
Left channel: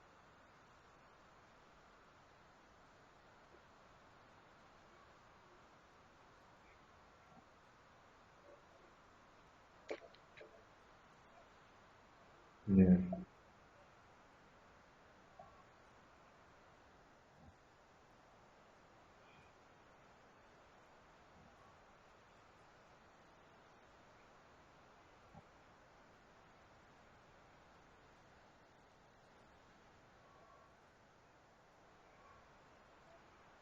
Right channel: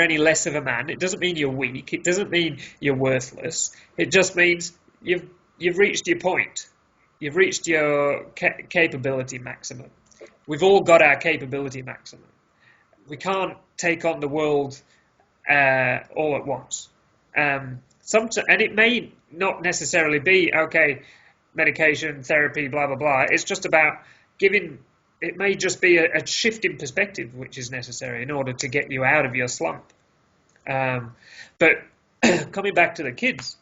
any less of a man. It doesn't mean you're weak. It doesn't mean you're worthless. It just means you've reached your point. You've reached your capability maximum. We've all got our capability maximum. Yeah. We can't take on the world all at once. And it may not necessarily be, okay, medication, therapy, blah, blah, blah. It's just about it may just be a shift in perspective which is necessary in order to get you out of your slump. But coming back to the kids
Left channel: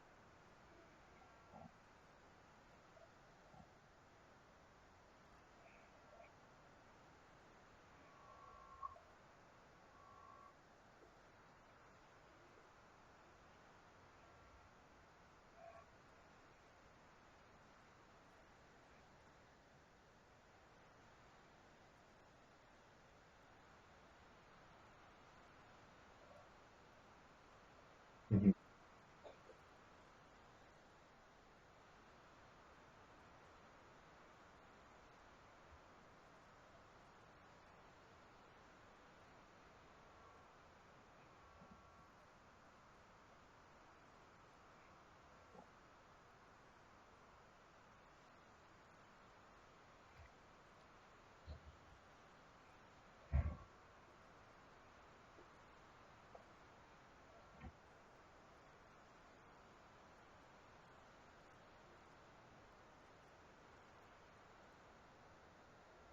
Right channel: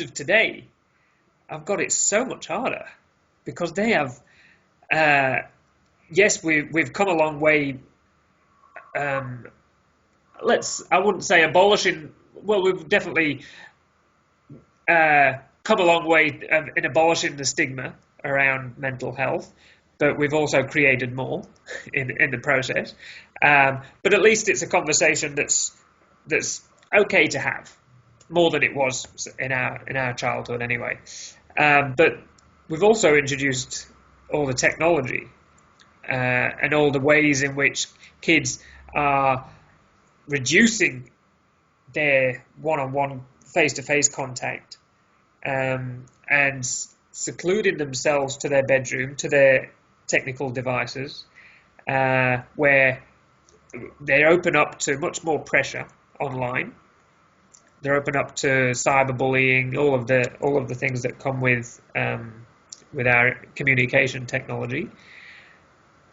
of today have got it so much harder because they have, yes, we've come a long way. I wouldn't say abolishing, well, we've definitely come a long way in abolishing the stigma around mental health, but we've also created more in the process. But at least it's a conversation that's okay to have, more than it was in our childhood anyway. But we've also introduced all the technology and all the ways in which kids are reducing their one-on-one face-to-face contact and secluding themselves to their bedroom, to their technical devices, where they open up to much more pressure online. They're open up to cyberbullying, all of the things that come with our communication technology.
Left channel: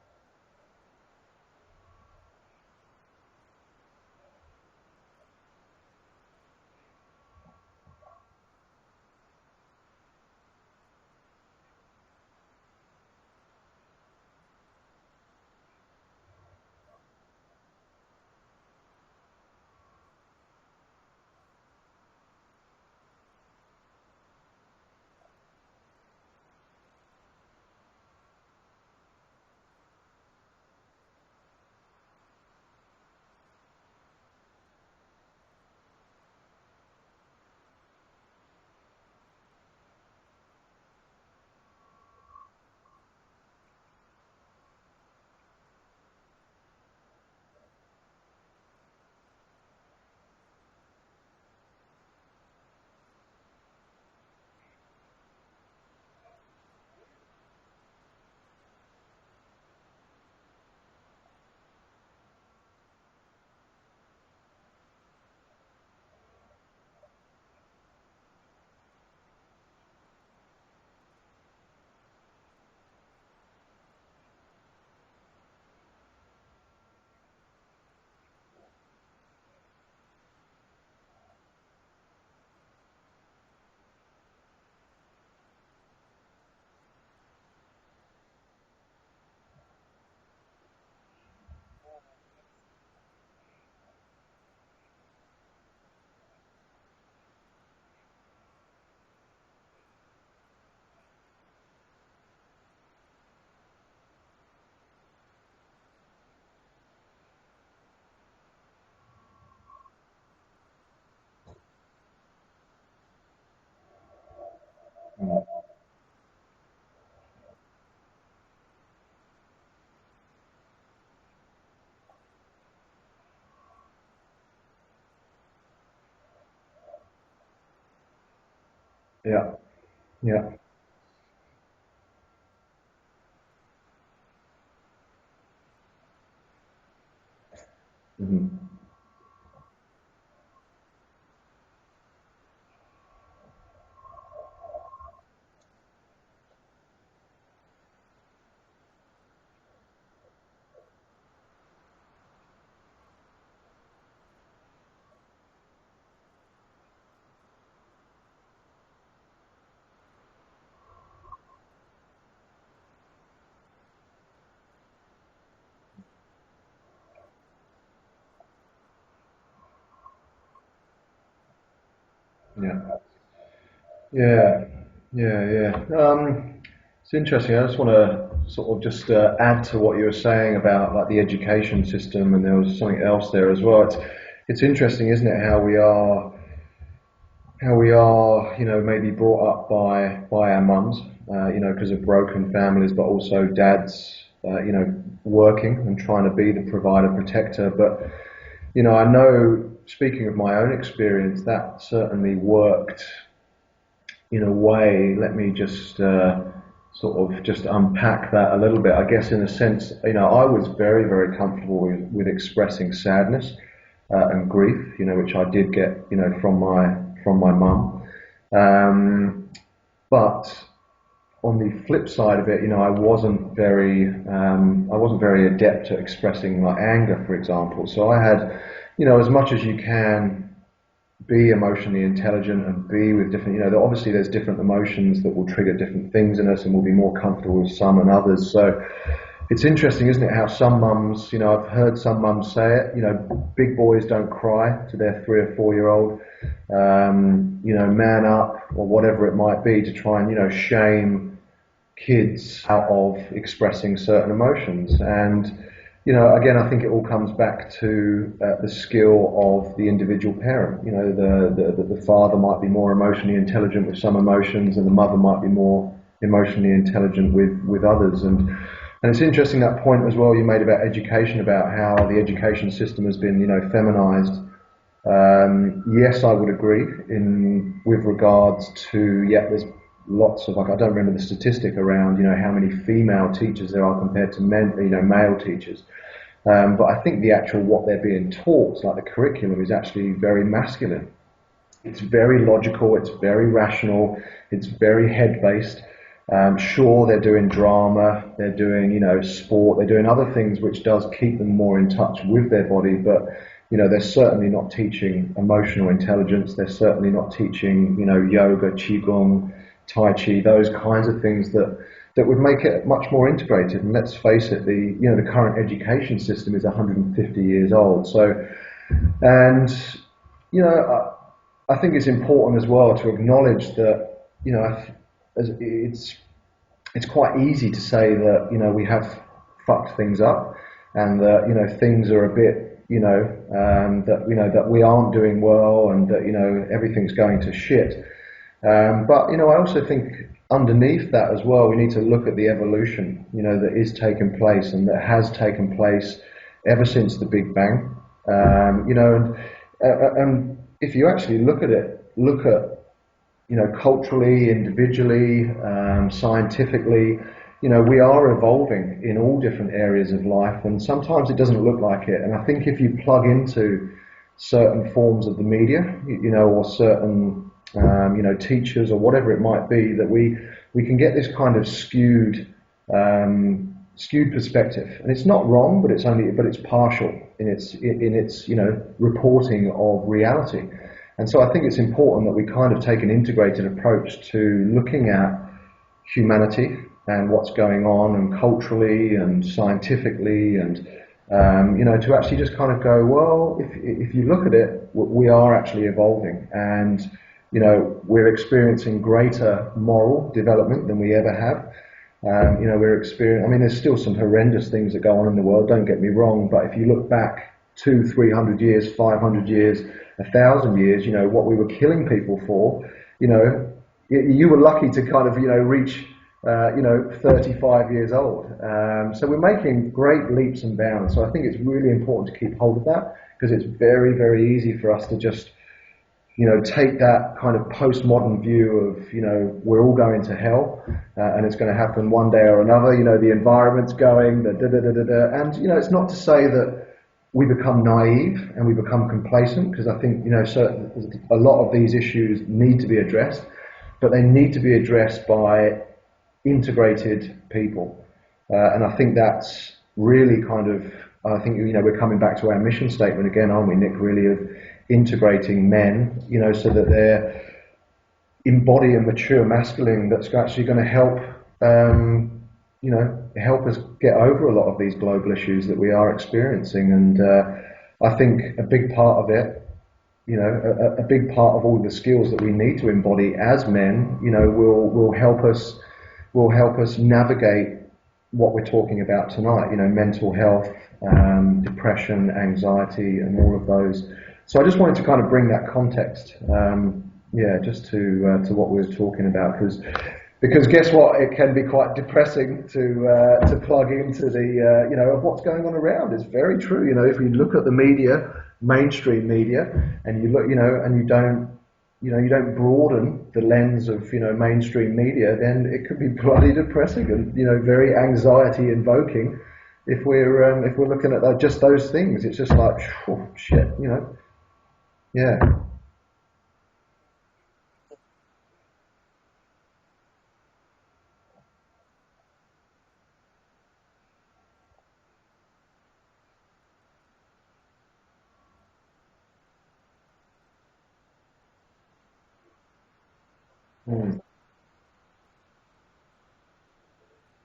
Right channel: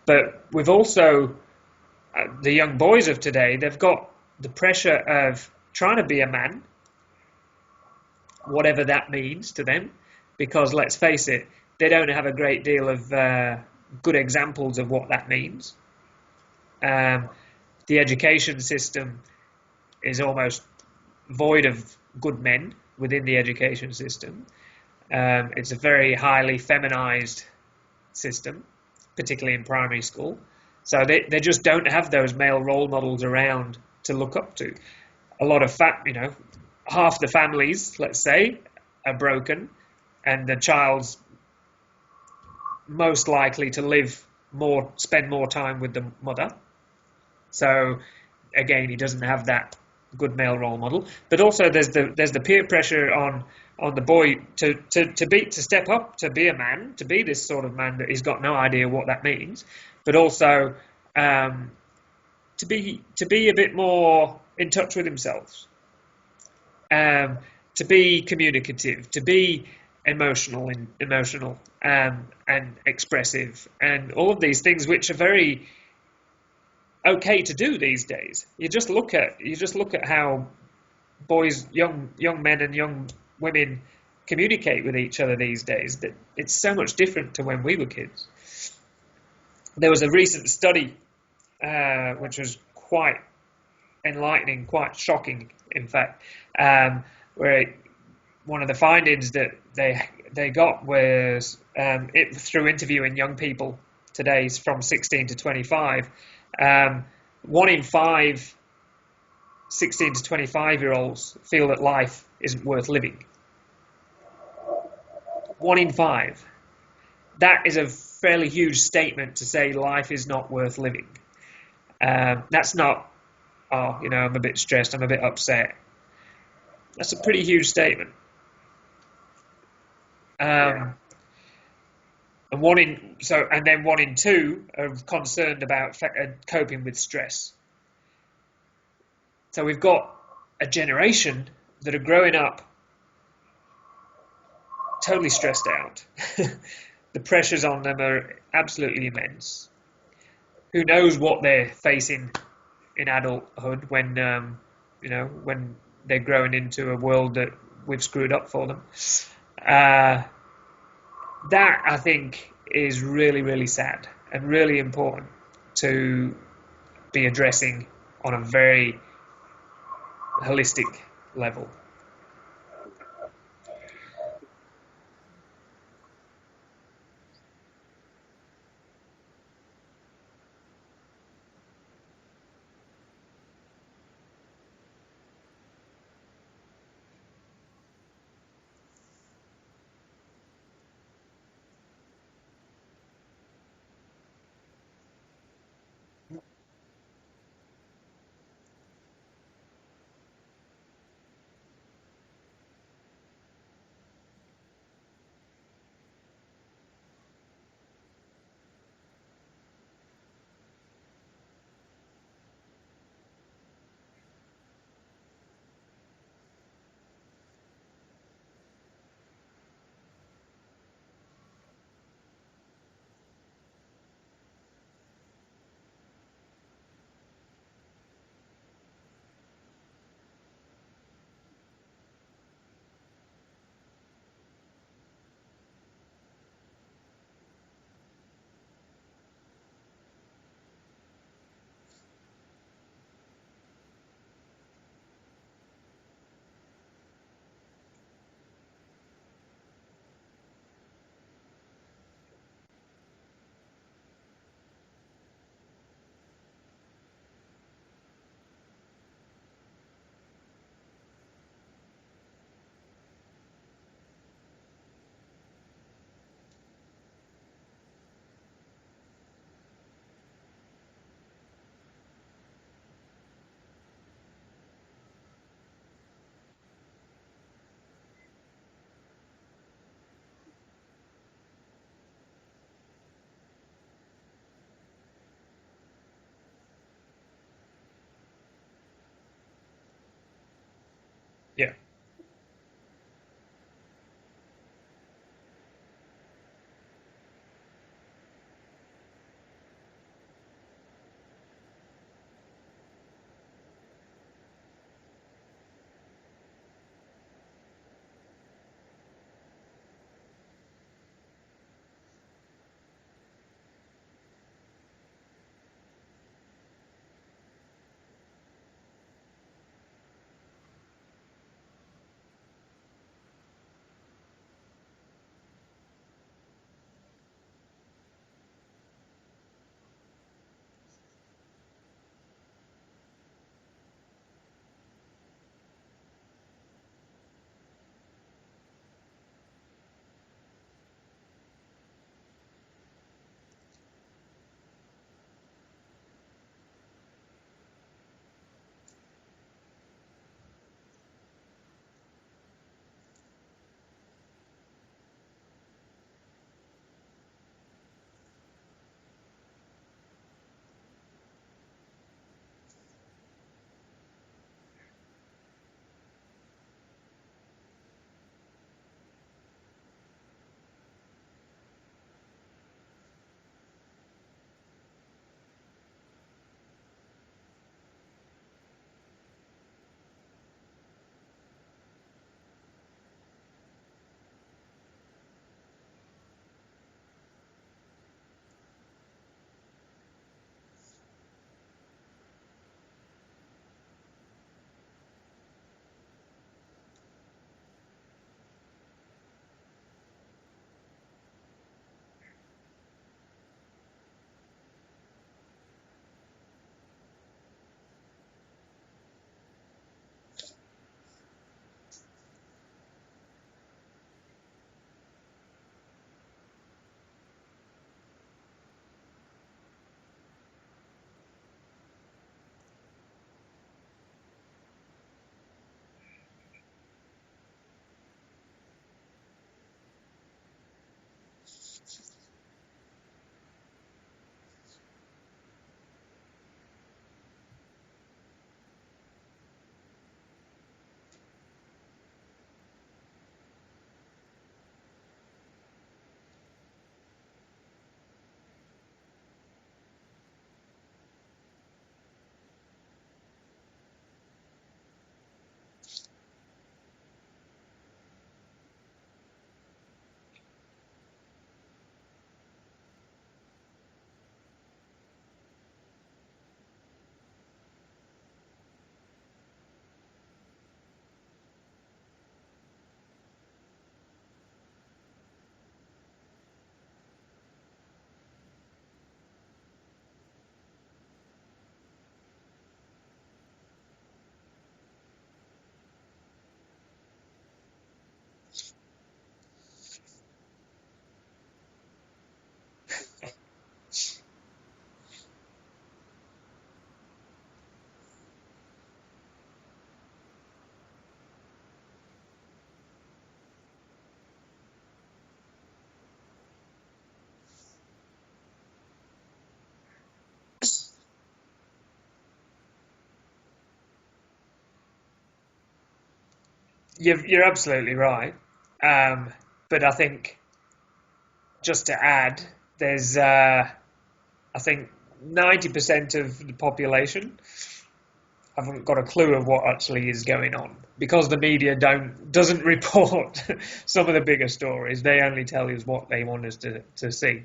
But we've also the young boys of today, they've got the pressure of trying to be a man, whatever that means to them, because let's face it, they don't have a great deal of good examples of what that means. The education system is almost void of good men within the education system. It's a very highly feminized system, particularly in primary school. So they just don't have those male role models around to look up to. A lot of half the families, let's say, are broken, and the child's most likely to spend more time with the mother. So again, he doesn't have that good male role model. But also there's the peer pressure on the boy to step up, to be a man, to be this sort of man that he's got no idea what that means, but also to be a bit more in touch with himself, to be communicative, to be emotional and expressive, and all of these things which are very okay to do these days. You just look at how boys, young men and young women communicate with each other these days. That it's so much different to when we were kids. There was a recent study which was quite enlightening, quite shocking, in fact, where one of the findings that they got was through interviewing young people today from 16 to 25. 1 in 5 16 to 25-year-olds feel that life isn't worth living. 1 in 5. That is a fairly huge statement to say life is not worth living. That's not, I'm a bit stressed, I'm a bit upset. That's a pretty huge statement. Yeah. Yeah. And 1 in 2 are concerned about coping with stress. Mm-hmm. So we've got a generation that are growing up totally stressed out. The pressures on them are absolutely immense. Who knows what they're facing in adulthood when when they're growing into a world that we've screwed up for them. That, I think, is really, really sad and really important to be addressing on a very holistic level. Yeah. It's interesting. I just want to sort of just add to what you were saying about like the education system, and there was something else there as well. It's interesting, isn't it, how we are, maybe brought up by our mums, because of broken families, but also dads, working and trying to be the provider, protector. But, I know, speaking of my own experience, that certainly worked in a way. Let me just sort of just unpack that a little bit. I guess in a sense, I was very, very comfortable with expressing sadness and grief, which I did get, from my mum. But on the flip side of it, I wasn't very adept at expressing like anger, for example. So I had, as much as you can be emotionally intelligent and be with different, obviously there's different emotions that will trigger different things in us, and we'll be more comfortable with some and others. So it's interesting, isn't it, how some mums, I've heard some mums say it, big boys don't cry to their 3 or 4-year-old, man up, or whatever it might be, to try and, shame kids out of expressing certain emotions. And, again, I think it all comes back to the skill of the individual parent. The father might be more emotionally intelligent with some emotions, and the mother might be more emotionally intelligent with others. And it's interesting, that point as well you made about education, about how the education system has been, feminized. Yes, I would agree with regards to, there's lots of, I don't remember the statistic around, how many female teachers there are compared to male teachers. But I think the actual, what they're being taught, like the curriculum, is actually very masculine. Yeah. It's very logical, it's very rational, it's very head-based. Sure, they're doing drama, they're doing, sport, they're doing other things which does keep them more in touch with their body, but, they're certainly not teaching emotional intelligence, they're certainly not teaching, yoga, qigong, tai chi, those kinds of things that would make it much more integrated. And let's face it, the current education system is 150 years old. So, and, I think it's important as well to acknowledge that, it's quite easy to say that, we have fucked things up, and that, things are a bit, that we aren't doing well, and that, everything's going to shit. But, I also think underneath that as well, we need to look at the evolution, that is taking place and that has taken place ever since the Big Bang. You know, and if you actually look at you know, culturally, individually, scientifically, you know, we are evolving in all different areas of life, and sometimes it doesn't look like it. And I think if you plug into certain forms of the media, you know, or certain, you know, teachers or whatever it might be, that we can get this kind of skewed perspective, and it's not wrong, but it's partial in its you know, reporting of reality. And so I think it's important that we kind of take an integrated approach to looking at humanity and what's going on, and culturally and scientifically, and you know, to actually just kind of go, well, if you look at it, we are actually evolving, and you know, we're experiencing greater moral development than we ever have. You know, I mean, there's still some horrendous things that go on in the world, don't get me wrong, but if you look back 200-300 years, 500 years, 1,000 years, you know, what we were killing people for, you know, you were lucky to kind of, you know, reach, you know, 35 years old. So we're making great leaps and bounds. So I think it's really important to keep hold of that, because it's very, very easy for us to just, you know, take that kind of postmodern view of, you know, we're all going to hell, and it's going to happen one day or another. You know, the environment's going, and you know, it's not to say that we become naive and we become complacent, because I think, you know, a lot of these issues need to be addressed, but they need to be addressed by integrated people, and I think that's really kind of, I think, you know, we're coming back to our mission statement again, aren't we, Nick? Really, of integrating men, you know, so that they embody a mature masculine that's actually going to help, you know, help us get over a lot of these global issues that we are experiencing. And I think a big part of it, you know, a big part of all the skills that we need to embody as men, you know, will help us navigate what we're talking about tonight. You know, mental health, depression, anxiety, and all of those. So I just wanted to kind of bring that context, yeah, just to what we were talking about, because guess what? It can be quite depressing to plug into the you know, of what's going on around. It's very true. You know, if you look at the media, mainstream media, and you look, you know, and you don't broaden the lens of, you know, mainstream media, then it could be bloody depressing and, you know, very anxiety invoking. If we're looking at just those things, it's just like, oh, shit, you know. Yeah. You're absolutely right. But I think, just to add, there's, I think 90% of the population haven't got a clue of what actually is going on, because the media doesn't report some of the bigger stories. They only tell us what they want us to see.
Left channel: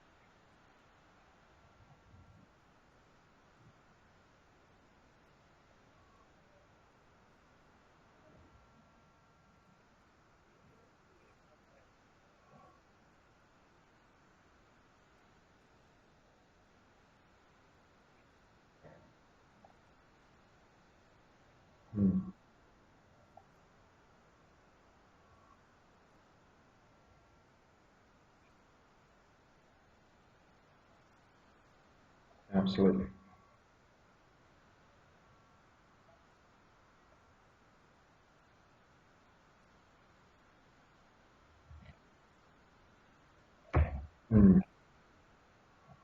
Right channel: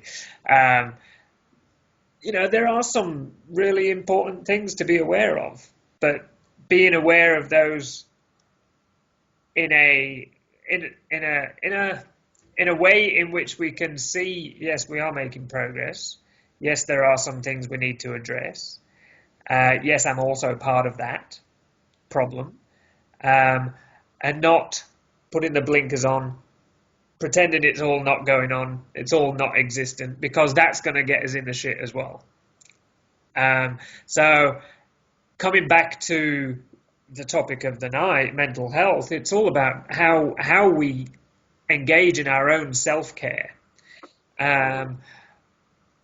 You know, there are some really important things to be aware of, but being aware of those in a way in which we can see, yes, we are making progress. Yes, there are some things we need to address. Yes, I'm also part of that problem, and not putting the blinkers on, pretending it's all not going on, it's all not existent, because that's going to get us in the shit as well. Absolutely. So coming back to the topic of the night, mental health, it's all about how we engage in our own self-care, and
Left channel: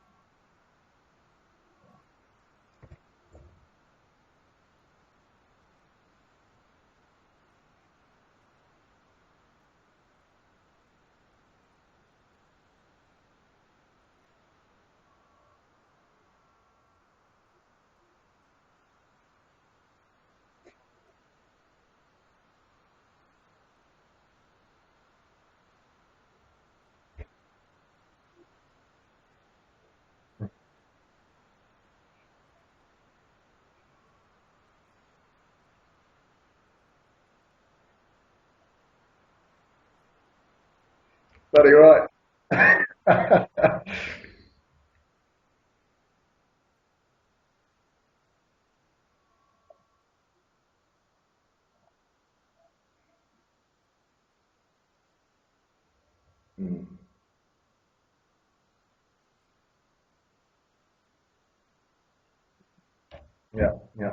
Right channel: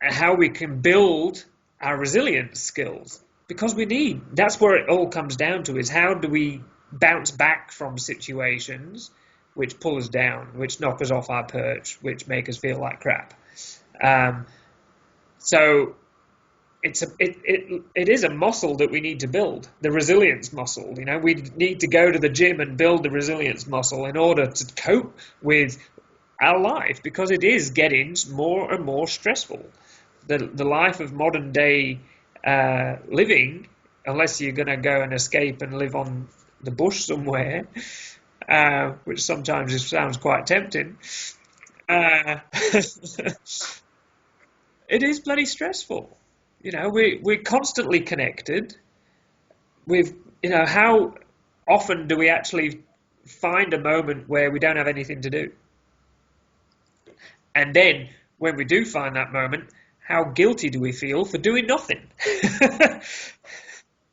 how we can build our resilience skills, because that's where it all comes down to, is how do we bounce back from situations which pull us down, which knock us off our perch, which make us feel like crap. So it is a muscle that we need to build, the resilience muscle. You know, we need to go to the gym and build the resilience muscle in order to cope with our life, because it is getting more and more stressful. The life of modern day living, unless you're going to go and escape and live on the bush somewhere, which sometimes sounds quite tempting. Bloody right. It is bloody stressful. You know, we're constantly connected. You know, how often do we actually find a moment where we don't have anything to do? And then when we do find that moment, how guilty do we feel for doing nothing? Yeah, yeah,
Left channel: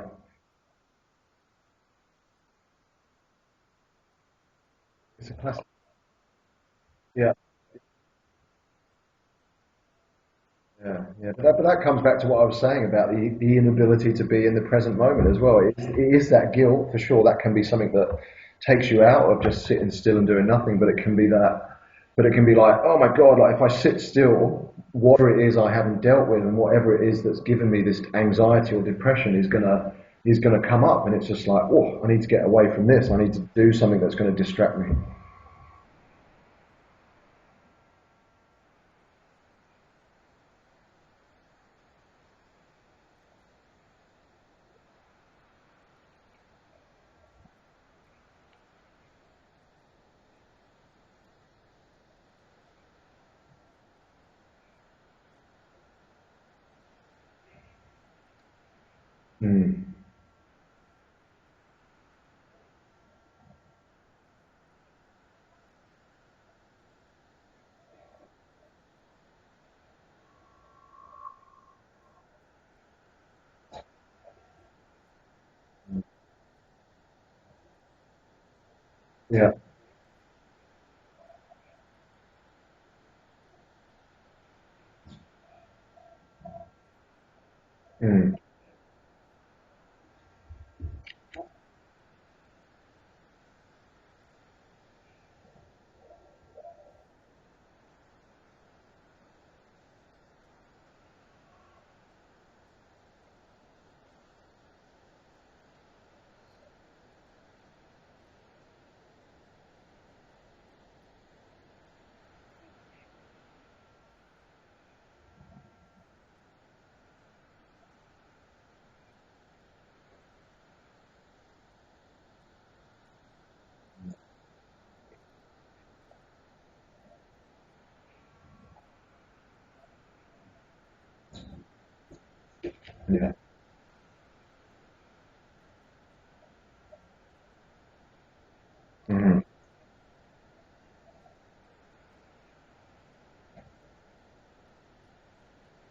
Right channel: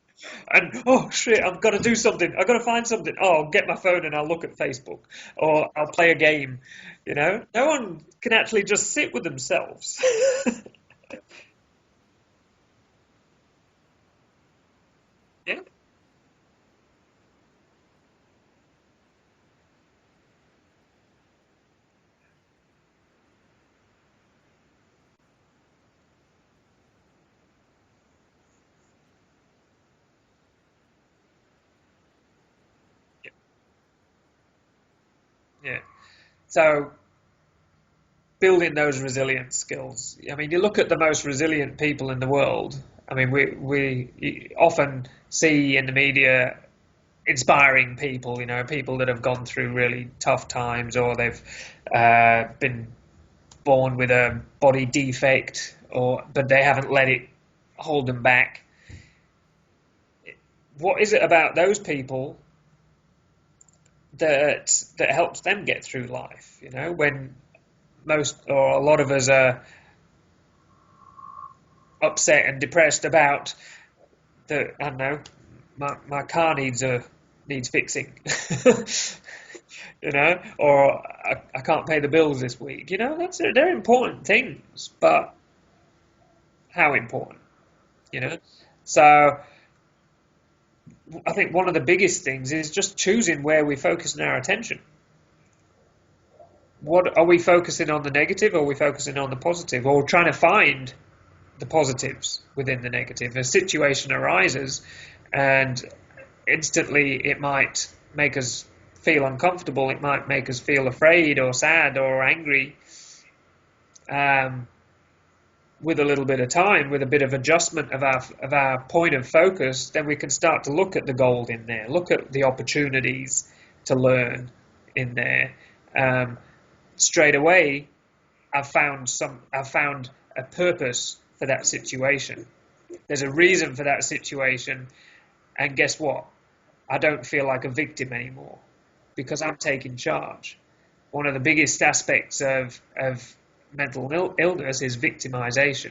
And oh shit, I've got to do something. I've got to find something. Oh, I'll get my phone and I'll look at Facebook, or I'll play a game. You yeah, know, no one can actually just sit with themselves. yeah, yeah. But that comes back to what I was saying about the inability to be in the present moment as Yeah, well. It is that guilt for sure. That can be something that takes you out of just sitting still and doing nothing. But it can be that. But it can be like, oh my God, like if I sit still, whatever it is I haven't dealt with and whatever it is that's given me this anxiety or depression is gonna come up, and it's just like, oh, I need to get away from this. I need to do something that's going to distract me. yeah. So building those resilience skills. I mean, you look at the most resilient people in the world. I mean, we often see in the media inspiring people, you know, people that have gone through really tough times, or they've been born with a body defect, or but they haven't let it hold them back. Mm. What is it about those people that helps them get through life? You know, when most or a lot of us are upset and depressed about the, I don't know, my car needs fixing. Yeah. You know, or I can't pay the bills this week. You know, they're important things, but how important? You know, Mm. so I think one of the biggest things is just choosing where we focus our attention. What are we focusing on, the negative, or are we focusing on the positive, or trying to find the positives within the negative? A situation arises, and instantly it might make us feel uncomfortable. It might make us feel afraid or sad or angry. Um, with a little bit of time, with a bit of adjustment of our point of focus, then we can start to look at the gold in there, look at the opportunities to learn in there. Straight away, I've found a purpose for that situation. There's a Yeah. reason for that situation, and guess what? I don't feel like a victim anymore because Mm. I'm taking charge. One of the biggest aspects of mental illness is victimization.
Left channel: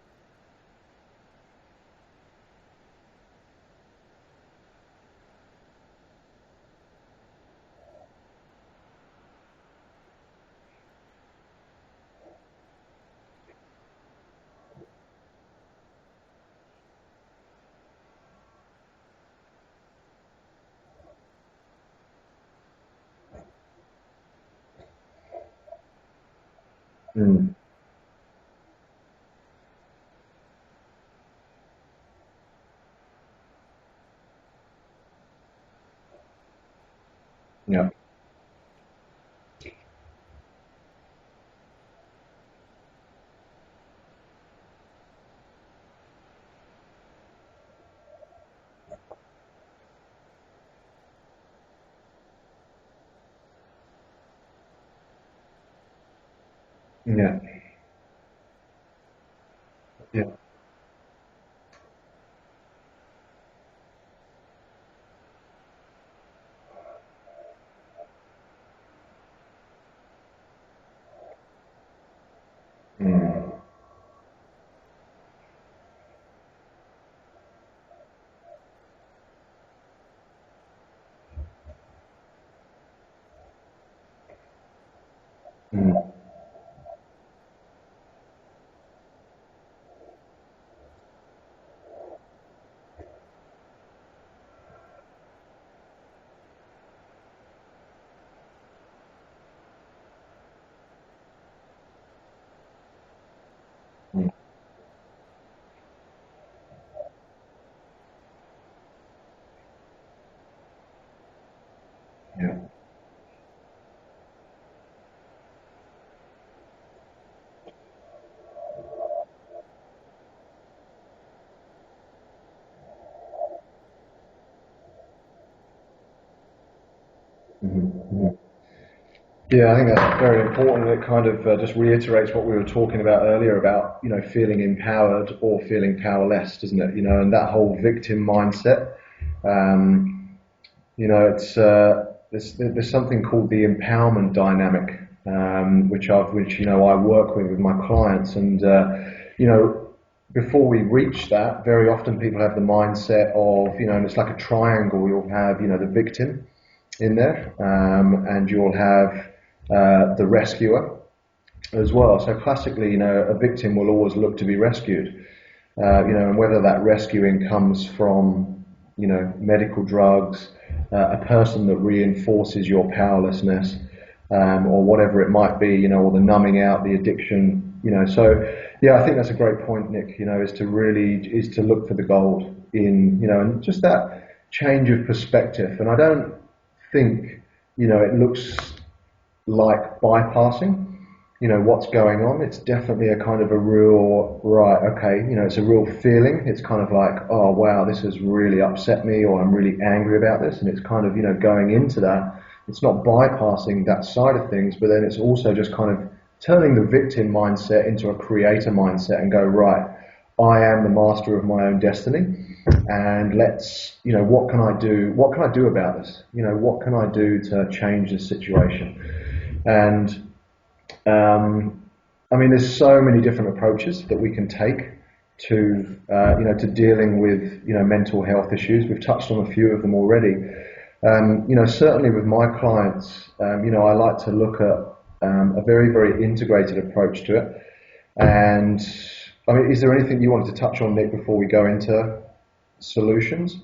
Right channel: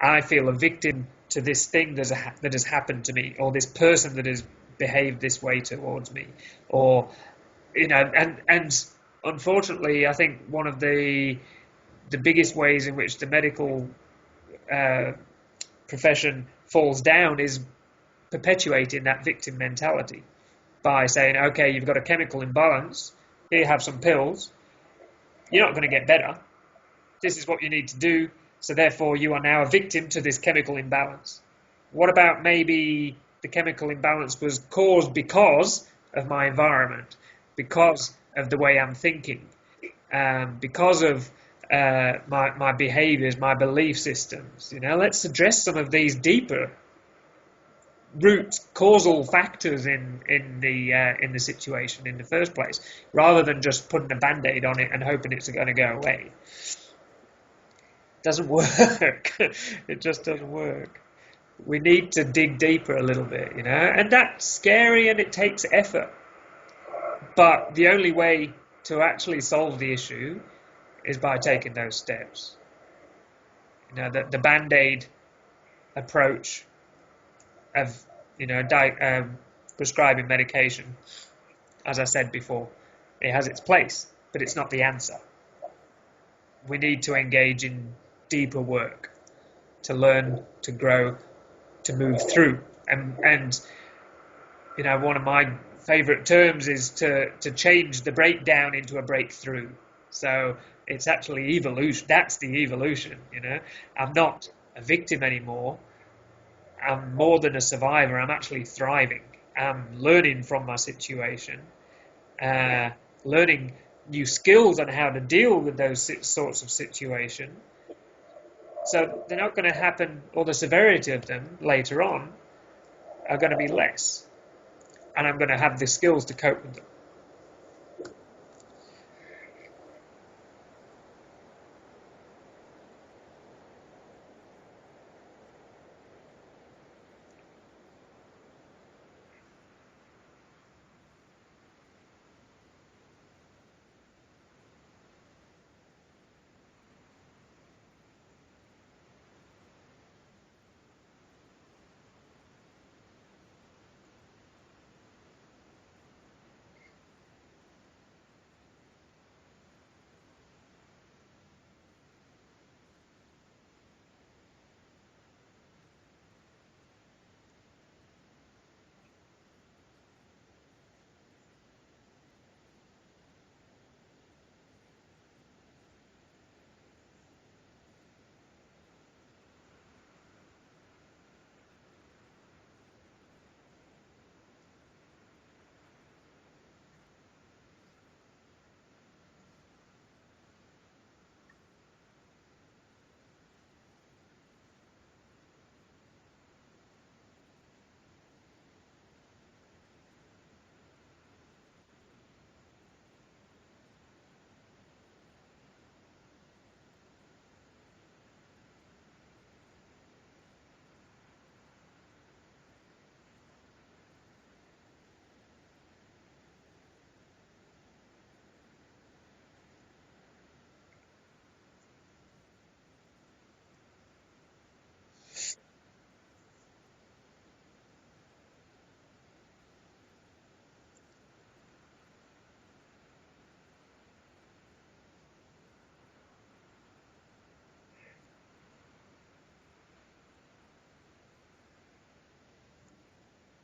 I feel a victim to this thing that has happened to me, or this person that has behaved this way towards me, or you know, and unfortunately, I think one of the biggest ways in which the medical uh, profession falls down is perpetuating that victim mentality by saying, okay, you've got a chemical imbalance, here, have some pills, you're not going to get better. This is Mm. what you need to do. So therefore, you are now a victim to this chemical imbalance. What about maybe the chemical imbalance was caused because of my environment, Yeah. because of the way I'm thinking, because of my behaviors, my belief systems? You know, let's address some of these deeper root causal factors in the situation in the first place, rather than just putting a band-aid on it and hoping it's going to go away. Yeah. Doesn't work. It just Yeah. doesn't work. We need to dig deeper a little bit, you know, and that's scary and it takes effort. But the only way to actually solve the issue is by taking those steps. Mm. You know, the band-aid approach of, you know, prescribing medication, as I said before, it has its place, but it's not the answer. Mm. We need to engage in deeper work to learn, to grow, to move through. And you know, one of my favorite terms is to change the breakdown into a breakthrough. So it's actually evolution. That's the evolution, you know. I'm Mm. not a victim anymore. I'm more than a survivor. I'm actually thriving. I'm learning from my situation, Yeah. uh, learning new skills on how to deal with those sorts of situations. So they're not going to happen, or the severity of them later on are going to be less, and I'm going to have the skills to cope with them. Mhm. Yeah, I think that's very important. It kind of just reiterates what we were talking about earlier about, feeling empowered or feeling powerless, doesn't it? And that whole victim mindset. Um, it's there's something called the empowerment dynamic, which I work with my clients, and you know, before we reach that, very often people have the mindset of, and it's like a triangle. You'll have, the victim in there, and you'll have the rescuer as well. So classically, a victim will always look to be rescued, and whether that rescuing comes from, medical drugs, a person that reinforces your powerlessness, or whatever it might be, or the numbing out, the addiction, So, yeah, I think that's a great point, Nick. Is to look for the gold in, and just that change of perspective. And I don't think, it looks like bypassing, what's going on. It's definitely a kind of a real, right, okay, it's a real feeling. It's kind of like, oh, wow, this has really upset me, or I'm really angry about this. And it's kind of, going into that. It's not bypassing that side of things, but then it's also just kind of turning the victim mindset into a creator mindset and go, right, I am the master of my own destiny, and let's, what can I do? What can I do about this? What can I do to change this situation? And there's so many different approaches that we can take to, to dealing with, mental health issues. We've touched on a few of them already. Certainly with my clients, I like to look at a very, very integrated approach to it. And is there anything you wanted to touch on, Nick, before we go into solutions?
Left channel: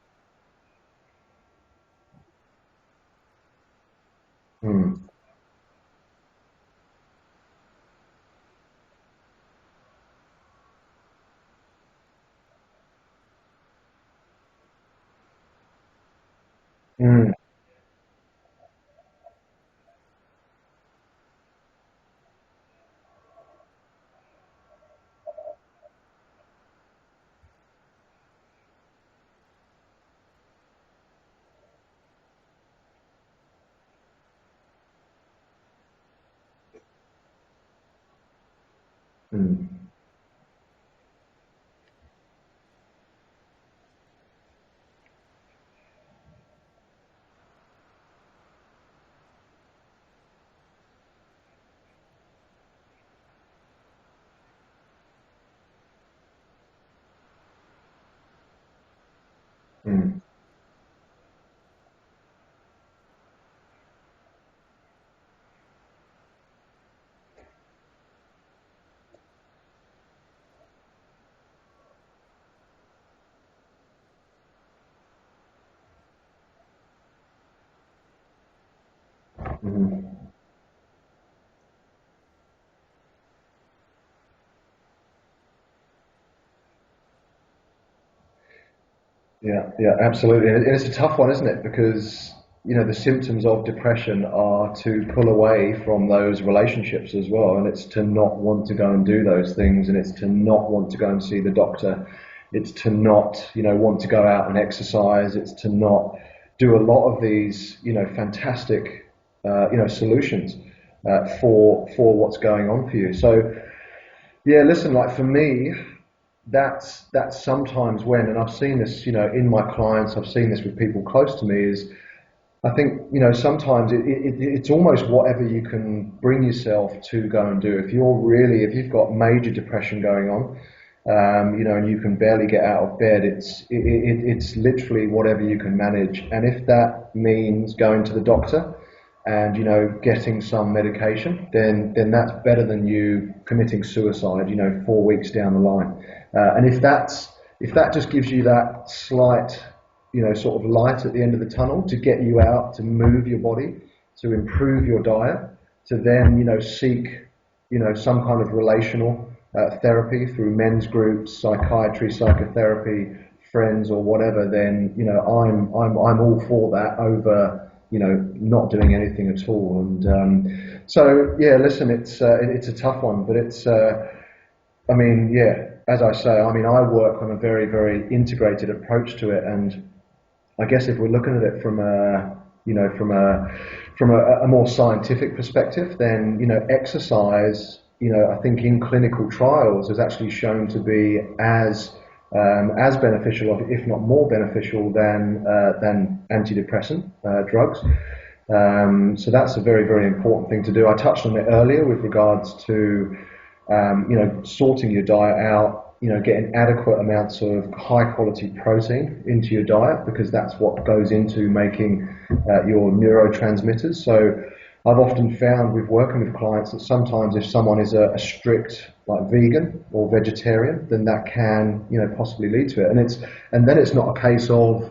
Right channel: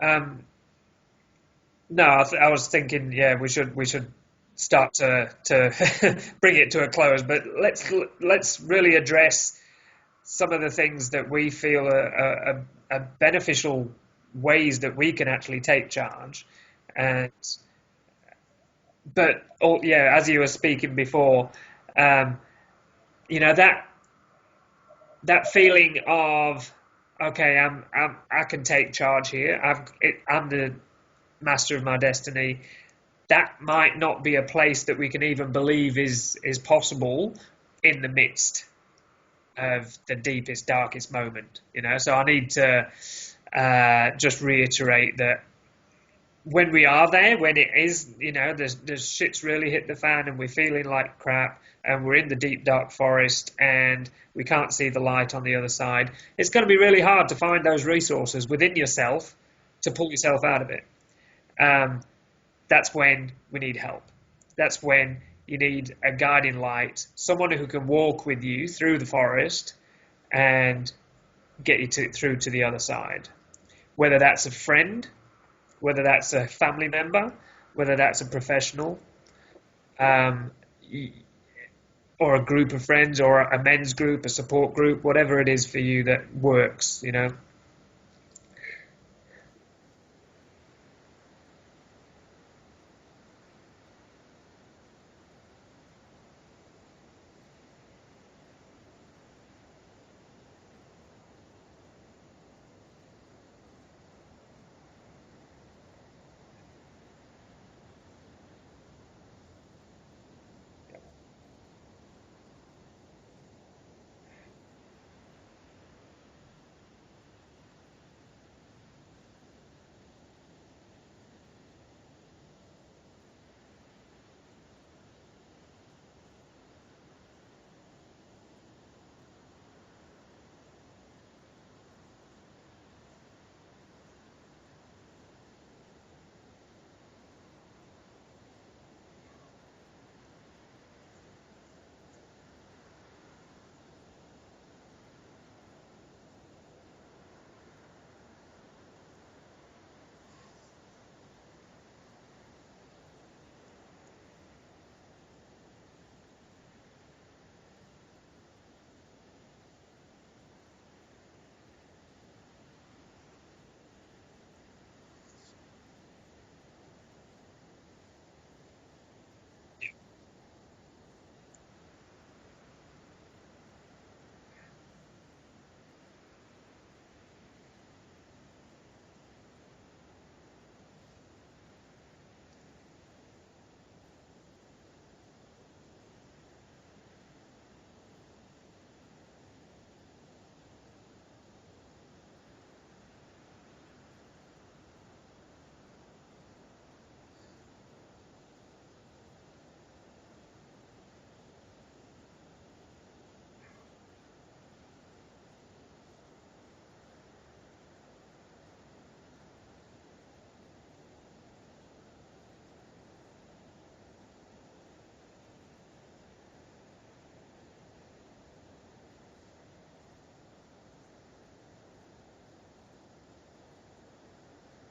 No, I was thinking, yeah, we should start to bring it to a close, but let's really address some of the things that we feel are beneficial ways that we can actually take charge. And but as you were speaking before, that feeling of, okay, I can take charge here. I'm the master of my destiny. That might not be a place that we can even believe is possible in the midst of the deepest, darkest moment. So I need to just reiterate that when we are there, when it is, there's shit's really hit the fan and we're feeling like crap and we're in the deep, dark forest and we can't see the light on the other side, it's going to be really hard to find those resources within yourself to pull yourself out of it. That's when we need help. That's when you need a guiding light, someone who can walk with you through the forest and get you through to the other side. Whether that's a friend, whether that's a family member, whether that's a professional, or a group of friends, or a men's group, a support group, whatever it is for you that works, Yeah, absolutely. And it's a tough one, isn't it? Because, the symptoms of depression are to pull away from those relationships as well. And it's to not want to go and do those things. And it's to not want to go and see the doctor. It's to not, want to go out and exercise. It's to not do a lot of these, fantastic, solutions for what's going on for you. So, yeah, listen, like for me, that's sometimes when, and I've seen this, in my clients, I've seen this with people close to me, is I think, sometimes it's almost whatever you can bring yourself to go and do. If you've got major depression going on, and you can barely get out of bed, it's literally whatever you can manage. And if that means going to the doctor and, getting some medication, then that's better than you committing suicide, 4 weeks down the line. And if that just gives you that slight, sort of light at the end of the tunnel to get you out, to move your body, to improve your diet, to then, seek, some kind of relational therapy through men's groups, psychiatry, psychotherapy, friends, or whatever, then I'm all for that over not doing anything at all. And so yeah, listen, it's a tough one, but it's as I say, I work on a very, very integrated approach to it, and I guess if we're looking at it from a more scientific perspective, then exercise, I think in clinical trials has actually shown to be as beneficial, if not more beneficial than antidepressant drugs. So that's a very, very important thing to do. I touched on it earlier with regards to sorting your diet out, getting adequate amounts of high quality protein into your diet, because that's what goes into making your neurotransmitters. So I've often found with working with clients that sometimes if someone is a strict like vegan or vegetarian, then that can, possibly lead to it. And then it's not a case of,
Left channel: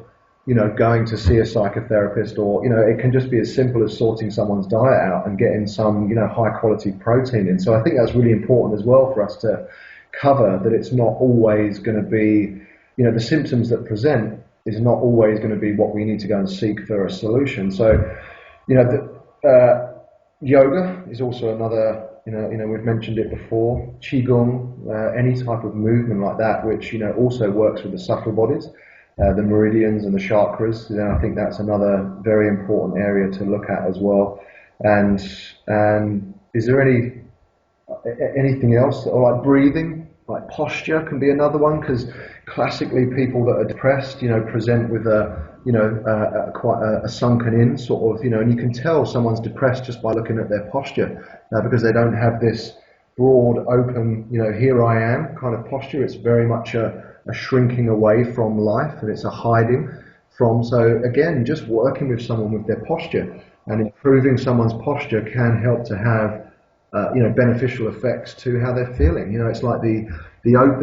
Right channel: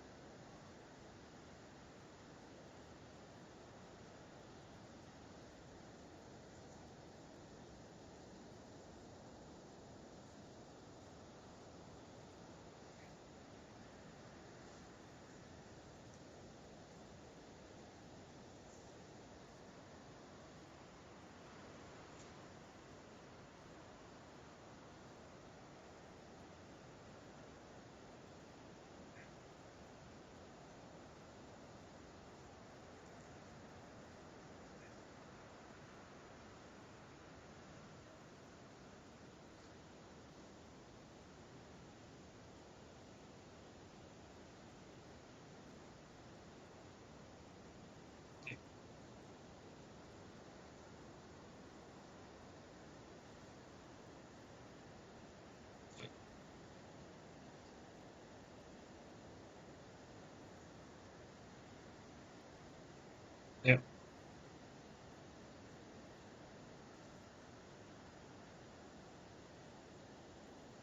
going to see a psychotherapist, or, it can just be as simple as sorting someone's diet out and getting some, high quality protein in. So I think that's really important as well for us to cover, that it's not always going to be, the symptoms that present is not always going to be what we need to go and seek for a solution. So, yoga is also another, we've mentioned it before, qigong, any type of movement like that, which, also works with the subtle bodies, the meridians and the chakras. I think that's another very important area to look at as well. And is there anything else, or like breathing, like posture can be another one, because classically people that are depressed, present with quite a sunken in sort of, and you can tell someone's depressed just by looking at their posture, because they don't have this broad, open, here I am kind of posture. It's very much a shrinking away from life, and it's a hiding from. So again, just working with someone with their posture and improving someone's posture can help to have beneficial effects to how they're feeling. It's like the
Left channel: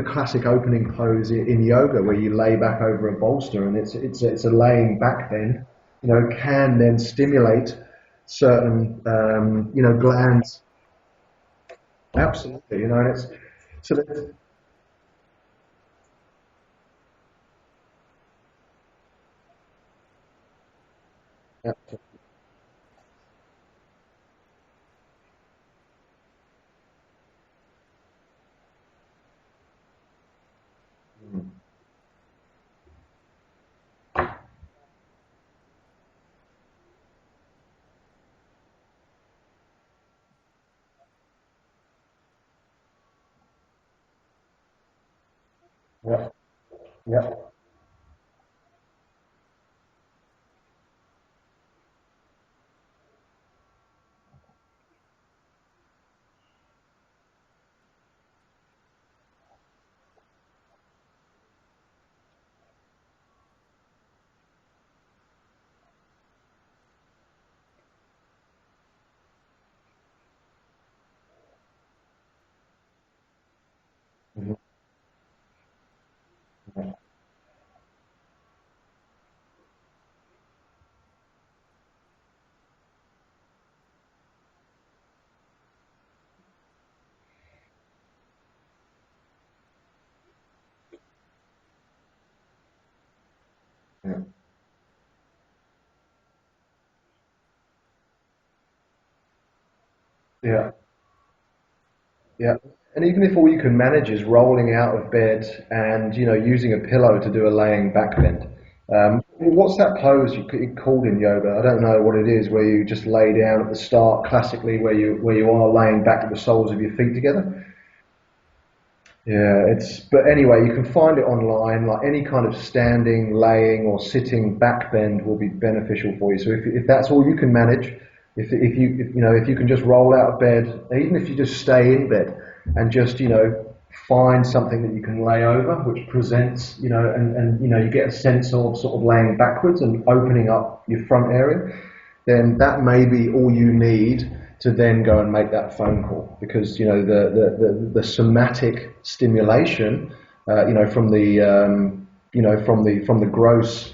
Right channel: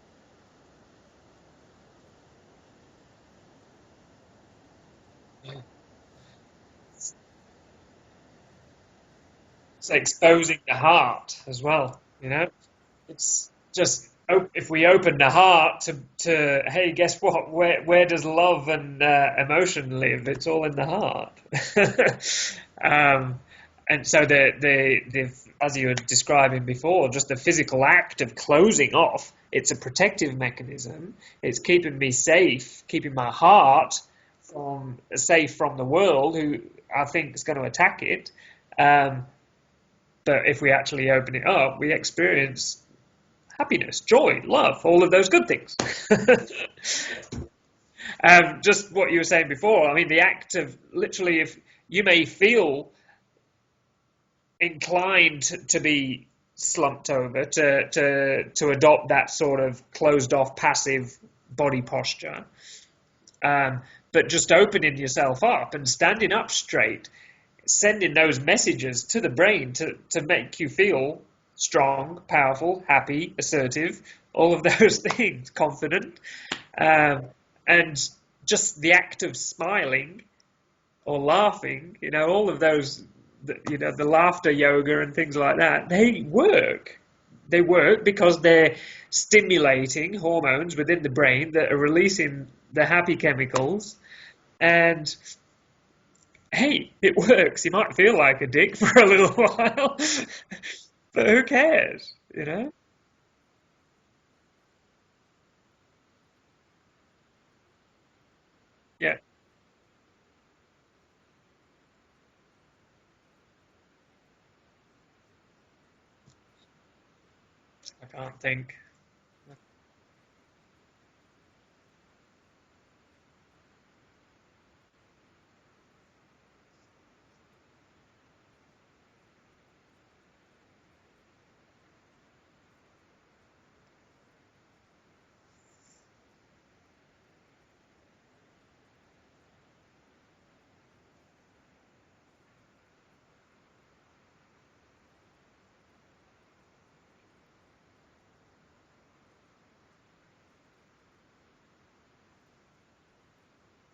classic opening pose in yoga, where you lay back over a bolster, and it's a laying back bend, can then stimulate certain it's glands. exposing the heart as well. Absolutely, and it's just if we open the heart to hey, guess what? Where does love and emotion live? It's all in the heart. And so the as you were describing before, just the physical act of closing off, it's a protective mechanism. It's keeping me safe, keeping my heart safe from the world, who I think is going to attack it. But if we actually open it up, we experience happiness, joy, love, all of those good things. Just what you were saying before, I mean, the act of literally, if you may feel inclined to be slumped over, to adopt that sort of closed off passive body posture, but just opening yourself up and standing up straight, sending those messages to the brain to make you feel strong, powerful, happy, assertive, all of those things, confident, and just the act of smiling or laughing, all of those, the laughter yoga and things like that, they work. They work because they're stimulating hormones within the brain that are releasing the happy chemicals. And hey, it works. You might feel like a dick for a little while, but who cares? And even if all you can manage is rolling out of bed and using a pillow to do a laying back bend. What's that pose you called in yoga? I don't know what it is, where you just lay down at the start, classically, where you are laying back with the soles of your feet together. I can't think. But anyway, you can find it online. Like any kind of standing, laying, or sitting back bend will be beneficial for you. So if that's all you can manage, if you can just roll out of bed, even if you just stay in bed and just find something that you can lay over, which presents, and you get a sense of sort of laying backwards and opening up your front area, then that may be all you need to then go and make that phone call, because the somatic stimulation, from the gross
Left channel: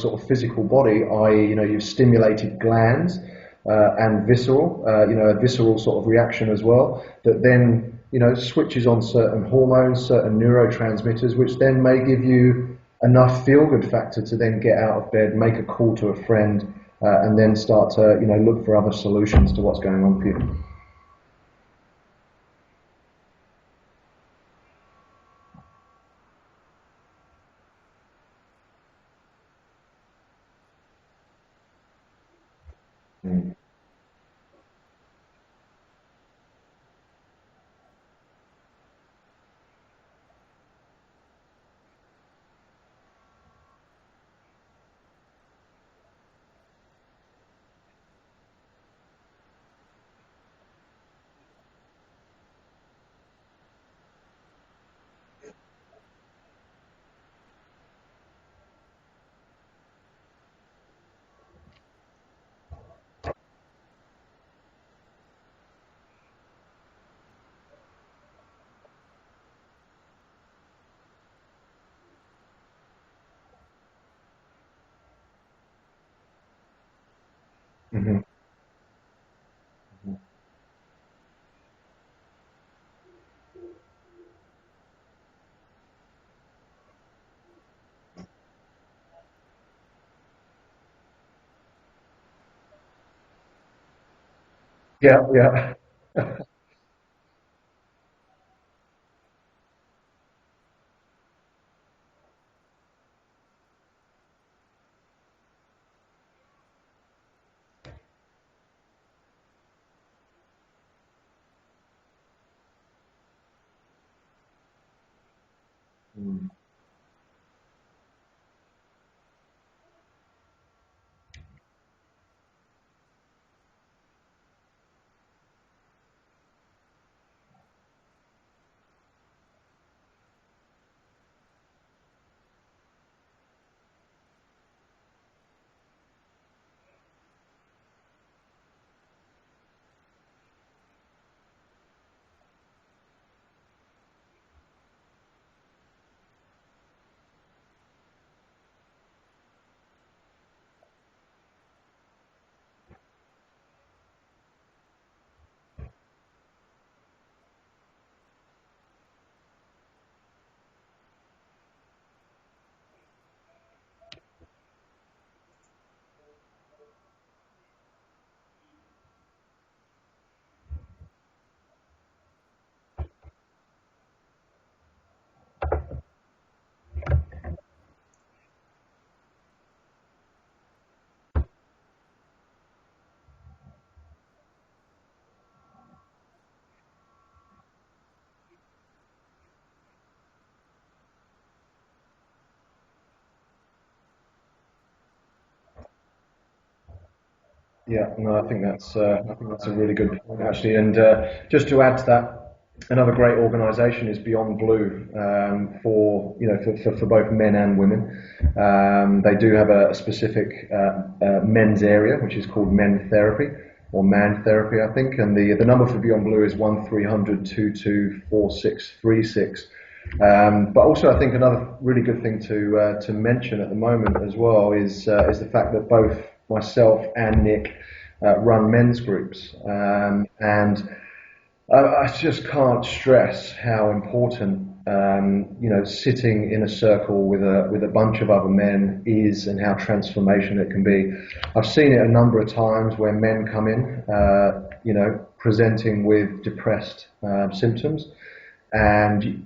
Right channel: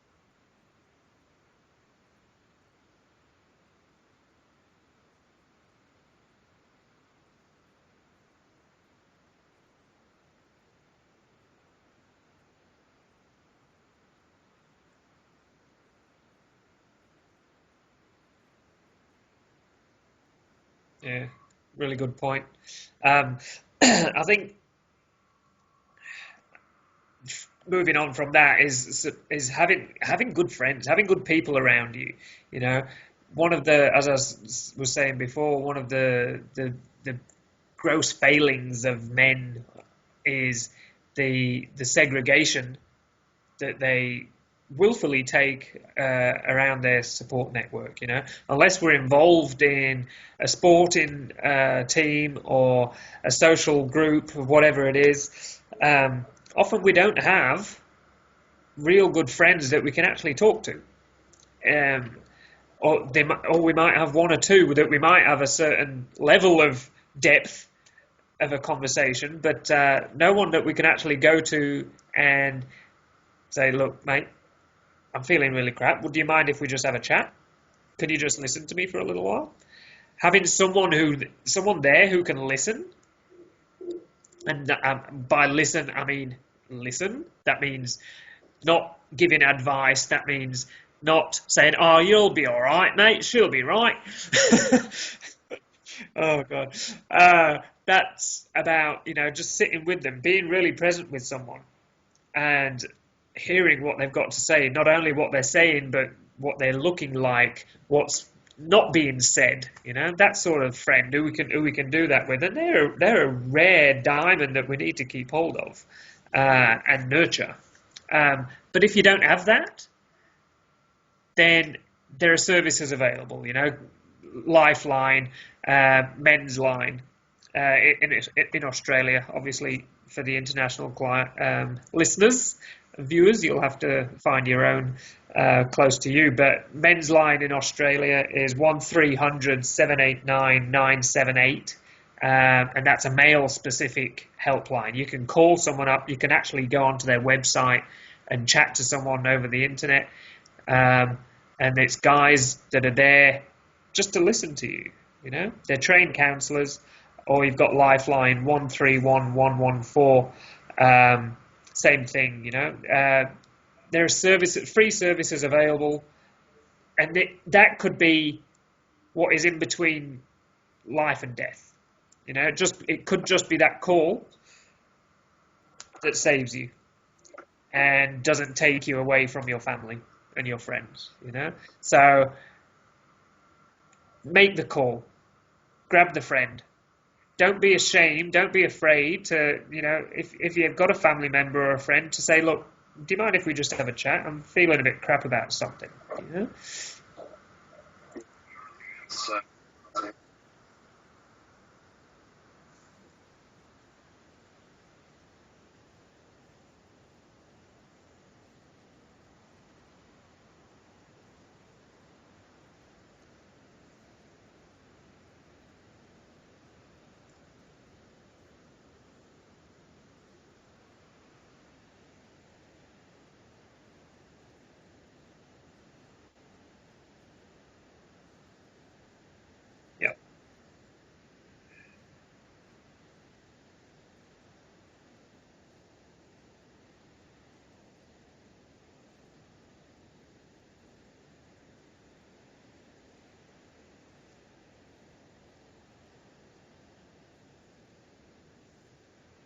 sort of physical body, i.e., you've stimulated glands and visceral, a visceral sort of reaction as well, that then switches on certain hormones, certain neurotransmitters, which then may give you enough feel-good factor to then get out of bed, make a call to a friend, and then start to look for other solutions to what's going on for you. Yeah, really good point. I think moving on from that is having good friends, having good people around you. One of the, as I was saying before, one of the gross failings of men is the segregation that they willfully take around their support network, unless we're involved in a sporting team or a social group or whatever it is. Often we don't have real good friends that we can actually talk to. Or we might have one or two that we might have a certain level of depth of a conversation, but no one that we can actually go to and say, look, mate, I'm feeling really crap. Would you mind if we just have a chat? Can you just listen to me for a little while? Having someone there who can listen, and by listen, I mean listen. That means not giving advice. That means not saying, oh, you'll be all right, mate. She'll be right. Yeah. Oh, God. That's about, just sitting with them, being really present with someone and hearing what they've got to say, not only what they're saying, but what they're looking like, what's not being said, that sort of friend who we can do that with. And they're a rare diamond that we need to keep hold of and nurture. But if you don't have that, then there are services available, Lifeline, Men's Line, in Australia, obviously for the international listeners, viewers, you'll have to find your own close to you. But Men's Line in Australia is 1300 789 978, and that's a male-specific helpline. You can call someone up. You can actually go onto their website and chat to someone over the internet. And it's guys that are there just to listen to you. They're trained counsellors. Or you've got Lifeline 131 114. Same thing, there are free services available, and that could be what is in between life and death. It could just be that call that saves you and doesn't take you away from your family and your friends. So make the call, grab the friend. Don't be ashamed. Don't be afraid to, if you've got a family member or a friend, to say, look, do you mind if we just have a chat? I'm feeling a bit crap about something. Yeah, no, I think that's a really good point, actually. And just to add to that, another great organisation is Beyond Blue for both men and women. They do have a specific men's area, which is called Men Therapy. Or Man Therapy, I think, and the number for Beyond Blue is 1300 224636. But also, I think another really good thing to mention at the moment as well is the fact that both myself and Nick run men's groups, and I just can't stress how important sitting in a circle with a bunch of other men is, and how transformational it can be. I've seen it a number of times where men come in, presenting with depressed symptoms, and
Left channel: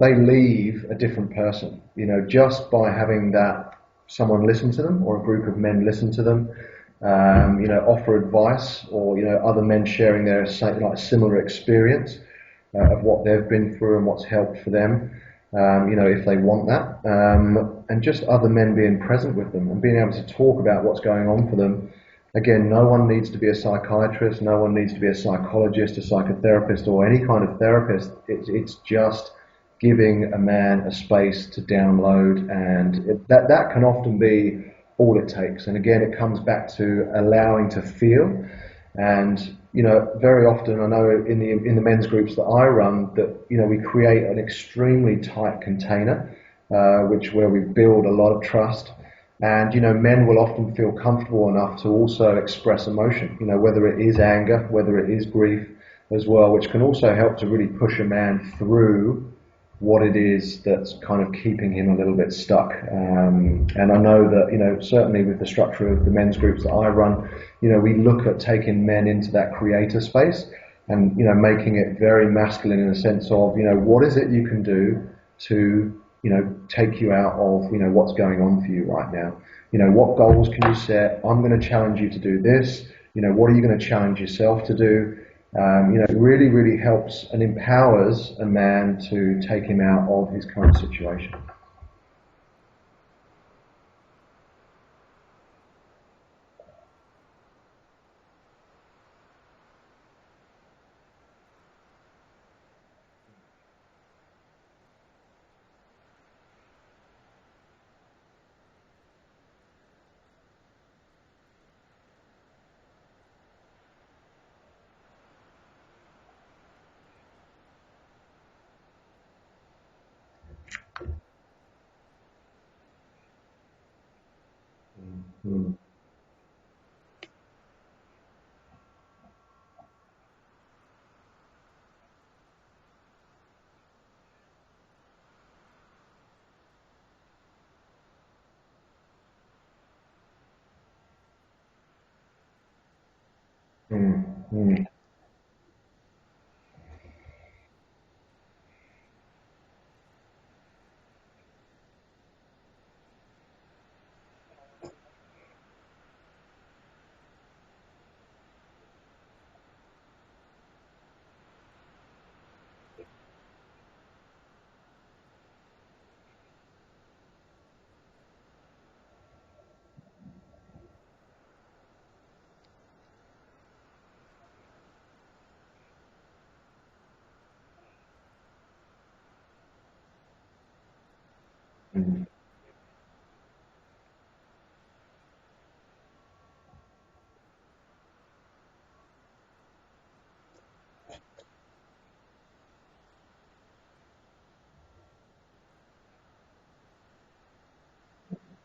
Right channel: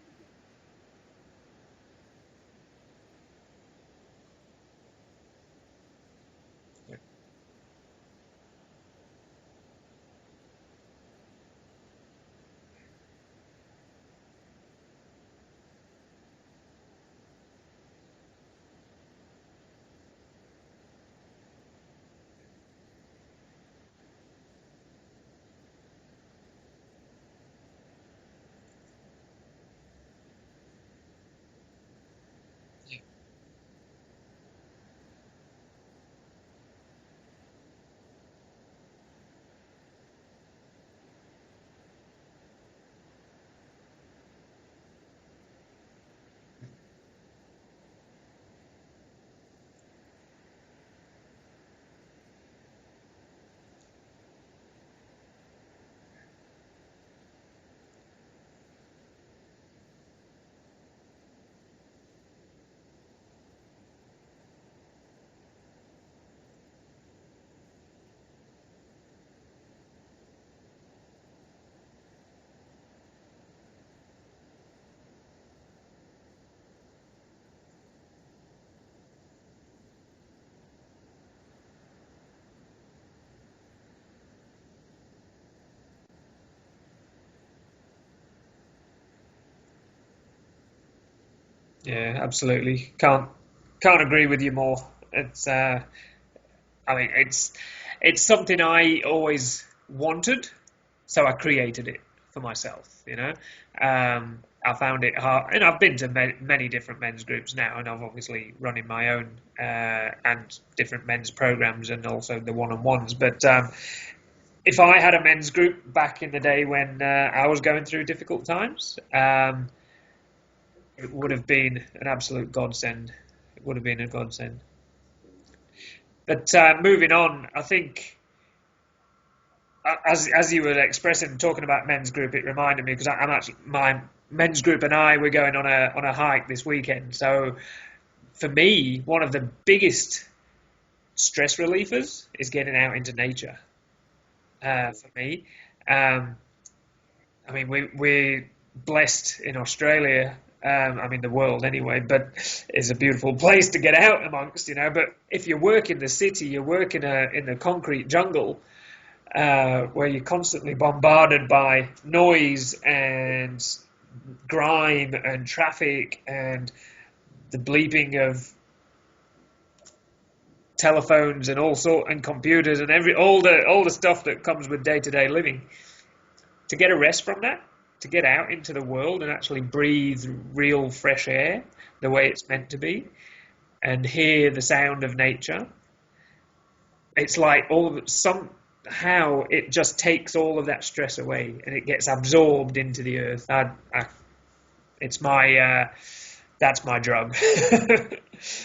they leave a different person. Just by having someone listen to them, or a group of men listen to them. Offer advice, or other men sharing their similar experience of what they've been through and what's helped for them, if they want that, and just other men being present with them and being able to talk about what's going on for them. Again, no one needs to be a psychiatrist, no one needs to be a psychologist, a psychotherapist, or any kind of therapist. It's just giving a man a space to download, and that can often be all it takes. And again, it comes back to allowing to feel. And very often, I know in the men's groups that I run, that we create an extremely tight container, where we build a lot of trust. And men will often feel comfortable enough to also express emotion, whether it is anger, whether it is grief as well, which can also help to really push a man through what it is that's kind of keeping him a little bit stuck. And I know that, certainly with the structure of the men's groups that I run, we look at taking men into that creator space and, making it very masculine in the sense of, what is it you can do to, take you out of, what's going on for you right now? What goals can you set? I'm going to challenge you to do this. What are you going to challenge yourself to do? It really, really helps and empowers a man to take him out of his current situation. Yeah, absolutely. Can't Can't agree with you more. It's, I mean, it's something I always wanted, so I created it for myself. I found it hard, and I've been to many different men's groups now, and I've obviously running my own and different men's programs, and also the one-on-ones. But if I had a men's group back in the day when I was going through difficult times, it would have been an absolute godsend. It would have been a godsend. Mm. But moving on, I think, as you were expressing, talking about men's group, it reminded me, because I'm actually, my men's group and we're going on a hike this weekend. So for me, one of the biggest stress relievers is getting out into nature. For me, I mean, we're blessed in Australia. I mean, the world anyway, but it's a beautiful place to get out amongst, But if you work in the city, you work in the concrete jungle, where you're constantly bombarded by noise and grime and traffic and the bleeping of telephones and and computers and all the stuff that comes with day-to-day living. To get a rest from that, to get out into the world and actually breathe real fresh air the way it's meant to be, and hear the sound of nature, it's like somehow it just takes all of that stress away and it gets absorbed into the earth. It's my that's my drug.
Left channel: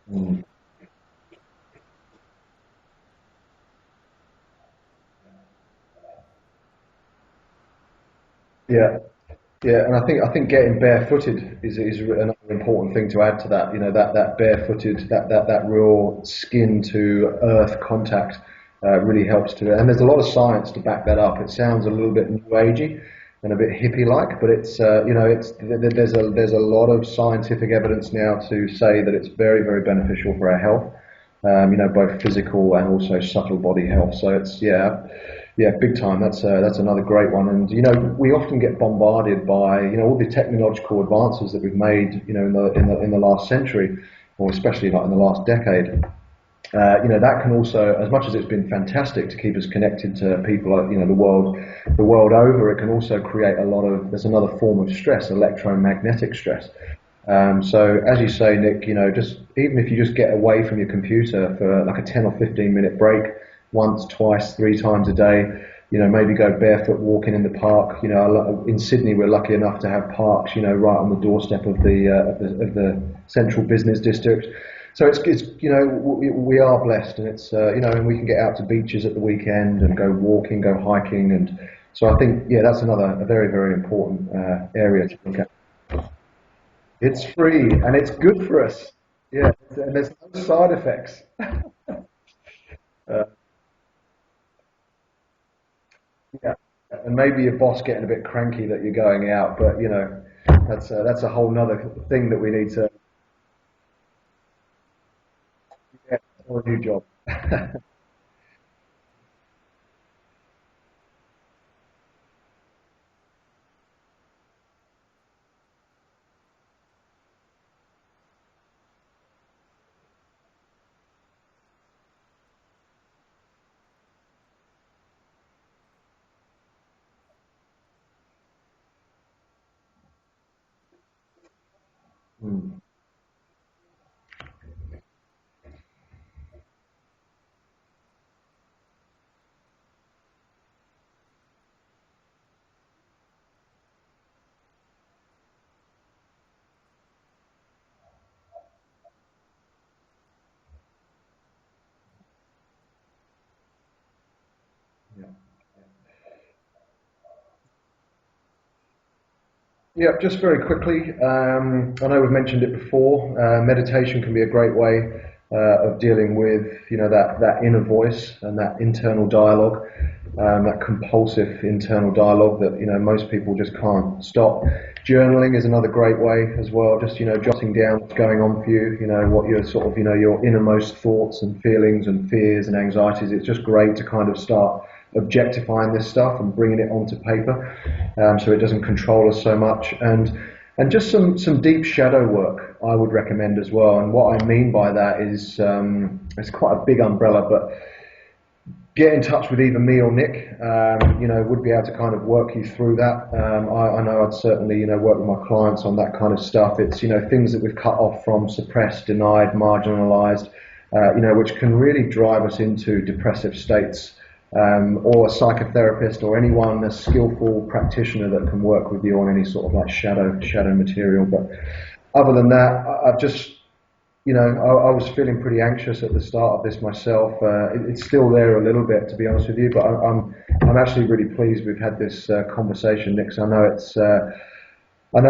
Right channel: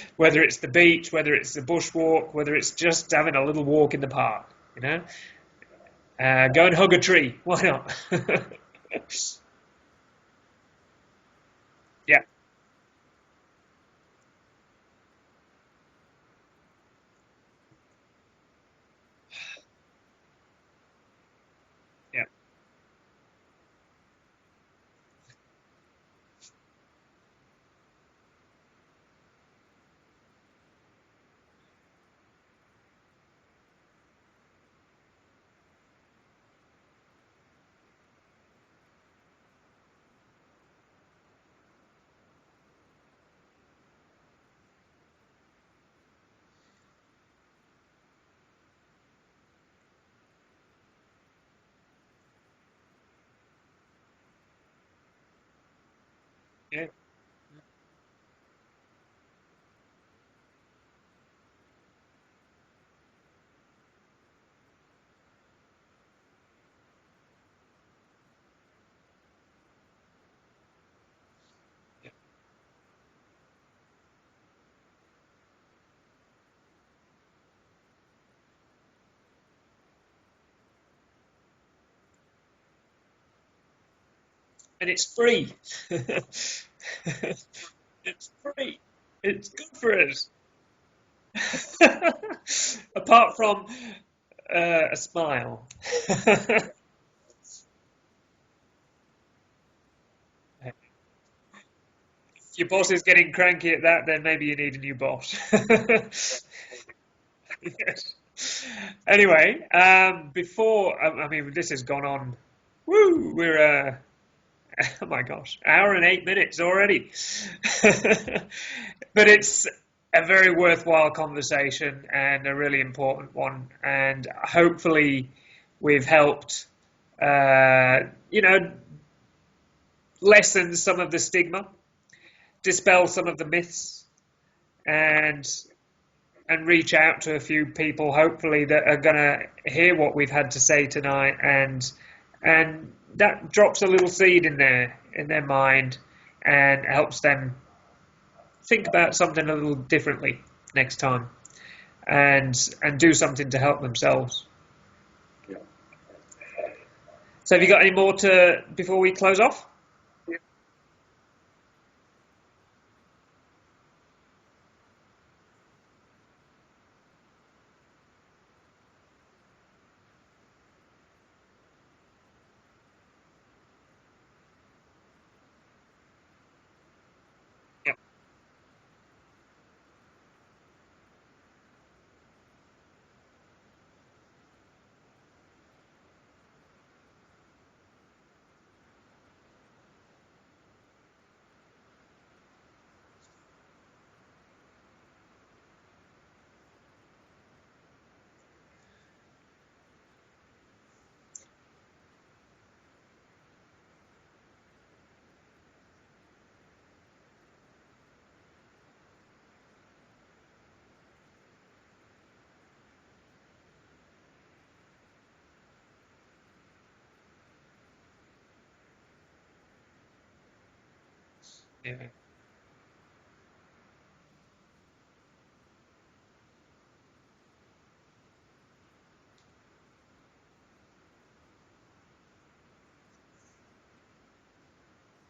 Whether it's the beach, whether it's the bushwalk, whether it's just having a little walk in the park, go and hug a tree. Why not? Yeah, and I think getting barefooted is another important thing to add to that. That barefooted, that real skin to earth contact really helps to it. And there's a lot of science to back that up. It sounds a little bit new agey and a bit hippie-like, but it's there's a lot of scientific evidence now to say that it's very, very beneficial for our health. Both physical and also subtle body health. So it's big time. That's another great one. And we often get bombarded by all the technological advances that we've made in the last century, or especially like in the last decade. That can also, as much as it's been fantastic to keep us connected to people, the world over, it can also create there's another form of stress, electromagnetic stress. So as you say, Nick, just even if you just get away from your computer for like a 10 or 15 minute break, once, twice, 3 times a day, maybe go barefoot walking in the park. In Sydney, we're lucky enough to have parks, right on the doorstep of the central business district. So it's we are blessed, and it's and we can get out to beaches at the weekend and go walking, go hiking, and so I think that's a very, very important area. It's free. It's free and it's good for us. It's good for us. No side effects. Apart from a smile. And maybe your boss getting a bit cranky that you're going out, but that's a whole nother thing that we need. If your boss is getting cranky at that, then maybe you need a new boss. Or a new job. Yes. Anyway, this has gone on. Woo! We're oh my gosh, hour and 8 minutes already. But it's a very worthwhile conversation and a really important one. And hopefully we've helped, lessen some of the stigma, dispel some of the myths, and reach out to a few people, hopefully, that are going to hear what we've had to say tonight, and that drops a little seed in their mind and helps them think about something a little differently next time, and do something to help themselves. So have you got any more before we close off? Yeah, just very quickly. I know we've mentioned it before. Meditation can be a great way of dealing with that inner voice and that internal dialogue, that compulsive internal dialogue that most people just can't stop. Journaling is another great way as well. Just jotting down what's going on for you. What your sort of your innermost thoughts and feelings and fears and anxieties. It's just great to kind of start objectifying this stuff and bringing it onto paper, so it doesn't control us so much. And And just some deep shadow work I would recommend as well. And what I mean by that is, it's quite a big umbrella, but get in touch with either me or Nick. Would be able to kind of work you through that. I know I'd certainly, work with my clients on that kind of stuff. It's, things that we've cut off from, suppressed, denied, marginalized, which can really drive us into depressive states. Or a psychotherapist or anyone, a skillful practitioner that can work with you on any sort of like shadow material. But other than that, I've just, I was feeling pretty anxious at the start of this myself. It's still there a little bit, to be honest with you, but I'm actually really pleased we've had this conversation, Nick. So I know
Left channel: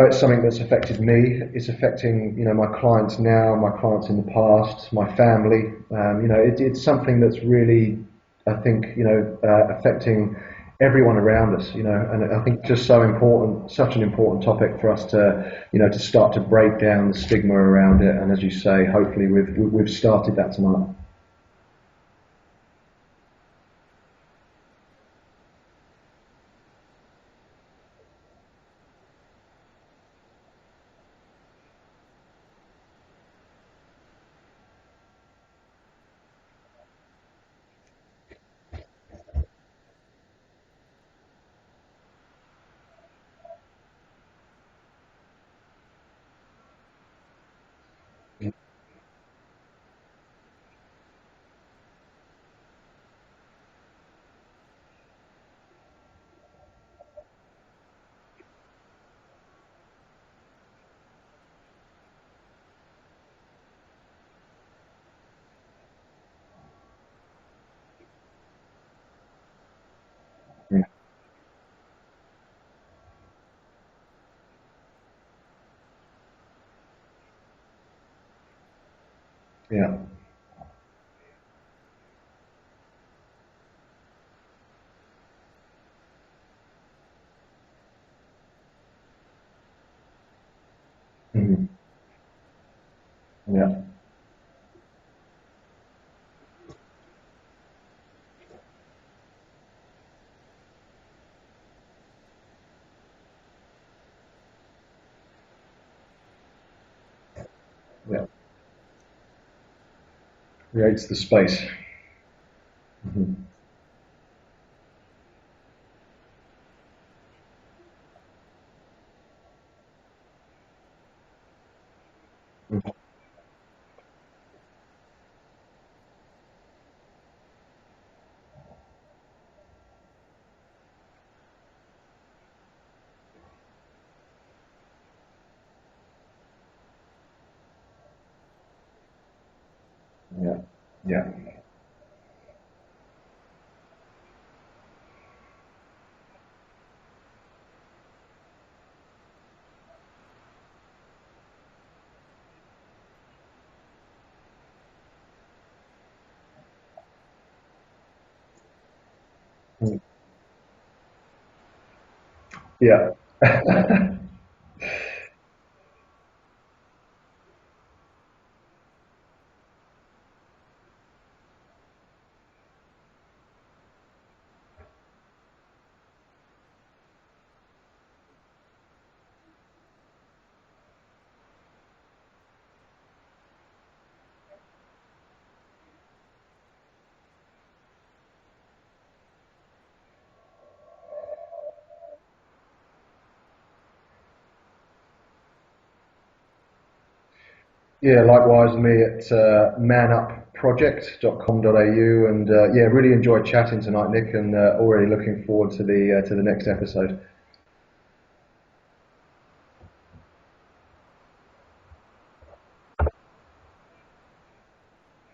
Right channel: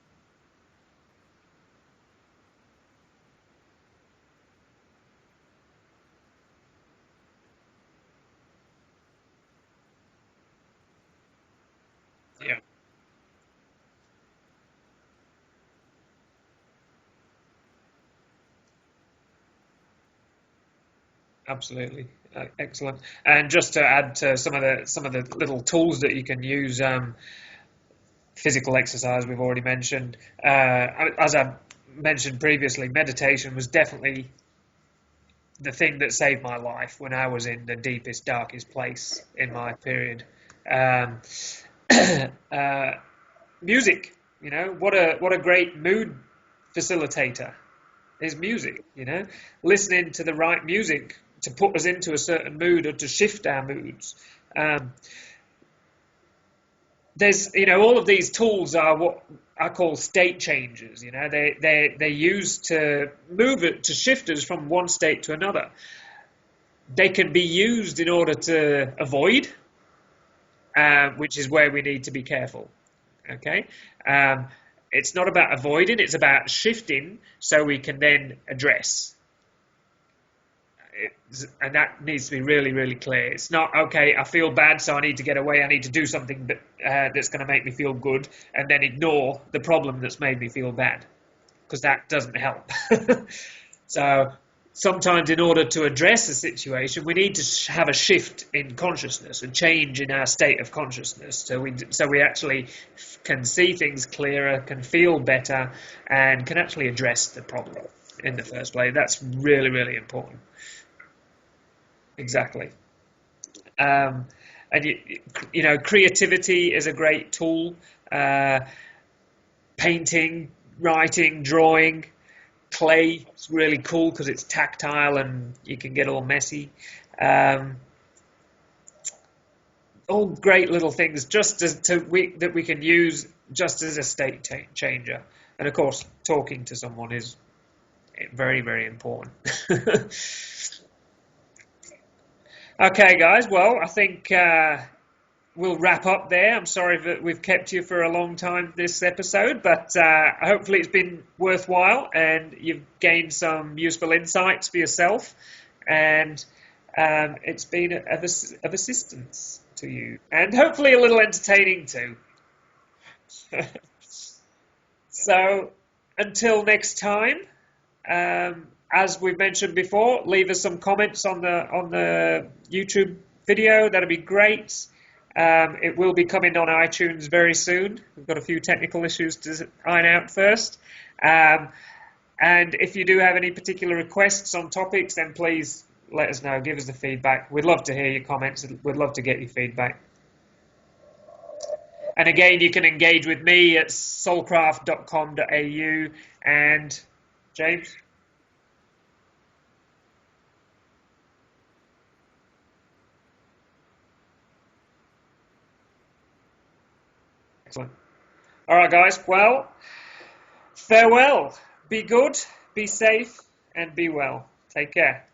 it's something that's affected me. It's affecting, my clients now, my clients in the past, my family. It's something that's really, I think, affecting everyone around us, and I think just such an important topic for us to, to start to break down the stigma around it. And as you say, hopefully we've started that tonight. Absolutely. Excellent. And just to add to some of the little tools that you can use, physical exercise we've already mentioned. As I mentioned previously, meditation was definitely the thing that saved my life when I was in the deepest, darkest place in my period. Music, what a great mood facilitator is music. Listening to the right music to put us into a certain mood or to shift our moods. There's, all of these tools are what I call state changers. They're used to move it, to shift us from one state to another. They can be used in order to avoid, which is where we need to be careful. Okay, it's not about avoiding; it's about shifting so we can then address. Yeah. And that needs to be really, really clear. It's not, okay, I feel bad, so I need to get away. I need to do something that's going to make me feel good, and then ignore the problem that's made me feel bad, because that doesn't help. Yeah. So sometimes in order to address a situation, we need to have a shift in consciousness, a change in our state of consciousness, so we actually can see things clearer, can feel better, and can actually address the problem in the first place. That's really, really important. Creates the space. Exactly. And creativity is a great tool. Painting, writing, drawing, clay is really cool because it's tactile and you can get all messy. All great little things that we can use just as a state changer. And of course, talking to someone is very, very important. Yeah. Okay, guys. Well, I think we'll wrap up there. I'm sorry that we've kept you for a long time this episode, but hopefully it's been worthwhile and you've gained some useful insights for yourself, and it's been of assistance to you, and hopefully a little entertaining too. Yeah. So until next time. As we've mentioned before, leave us some comments on the YouTube video. That'd be great. It will be coming on iTunes very soon. We've got a few technical issues to iron out first. And if you do have any particular requests on topics, then please let us know. Give us the feedback. We'd love to hear your comments. We'd love to get your feedback. And again, you can engage with me at soulcraft.com.au and James? Yeah, likewise me at manupproject.com.au, and really enjoyed chatting tonight, Nick, and already looking forward to the next episode. Excellent. All right, guys. Well, farewell. Be good, be safe, and be well. Take care.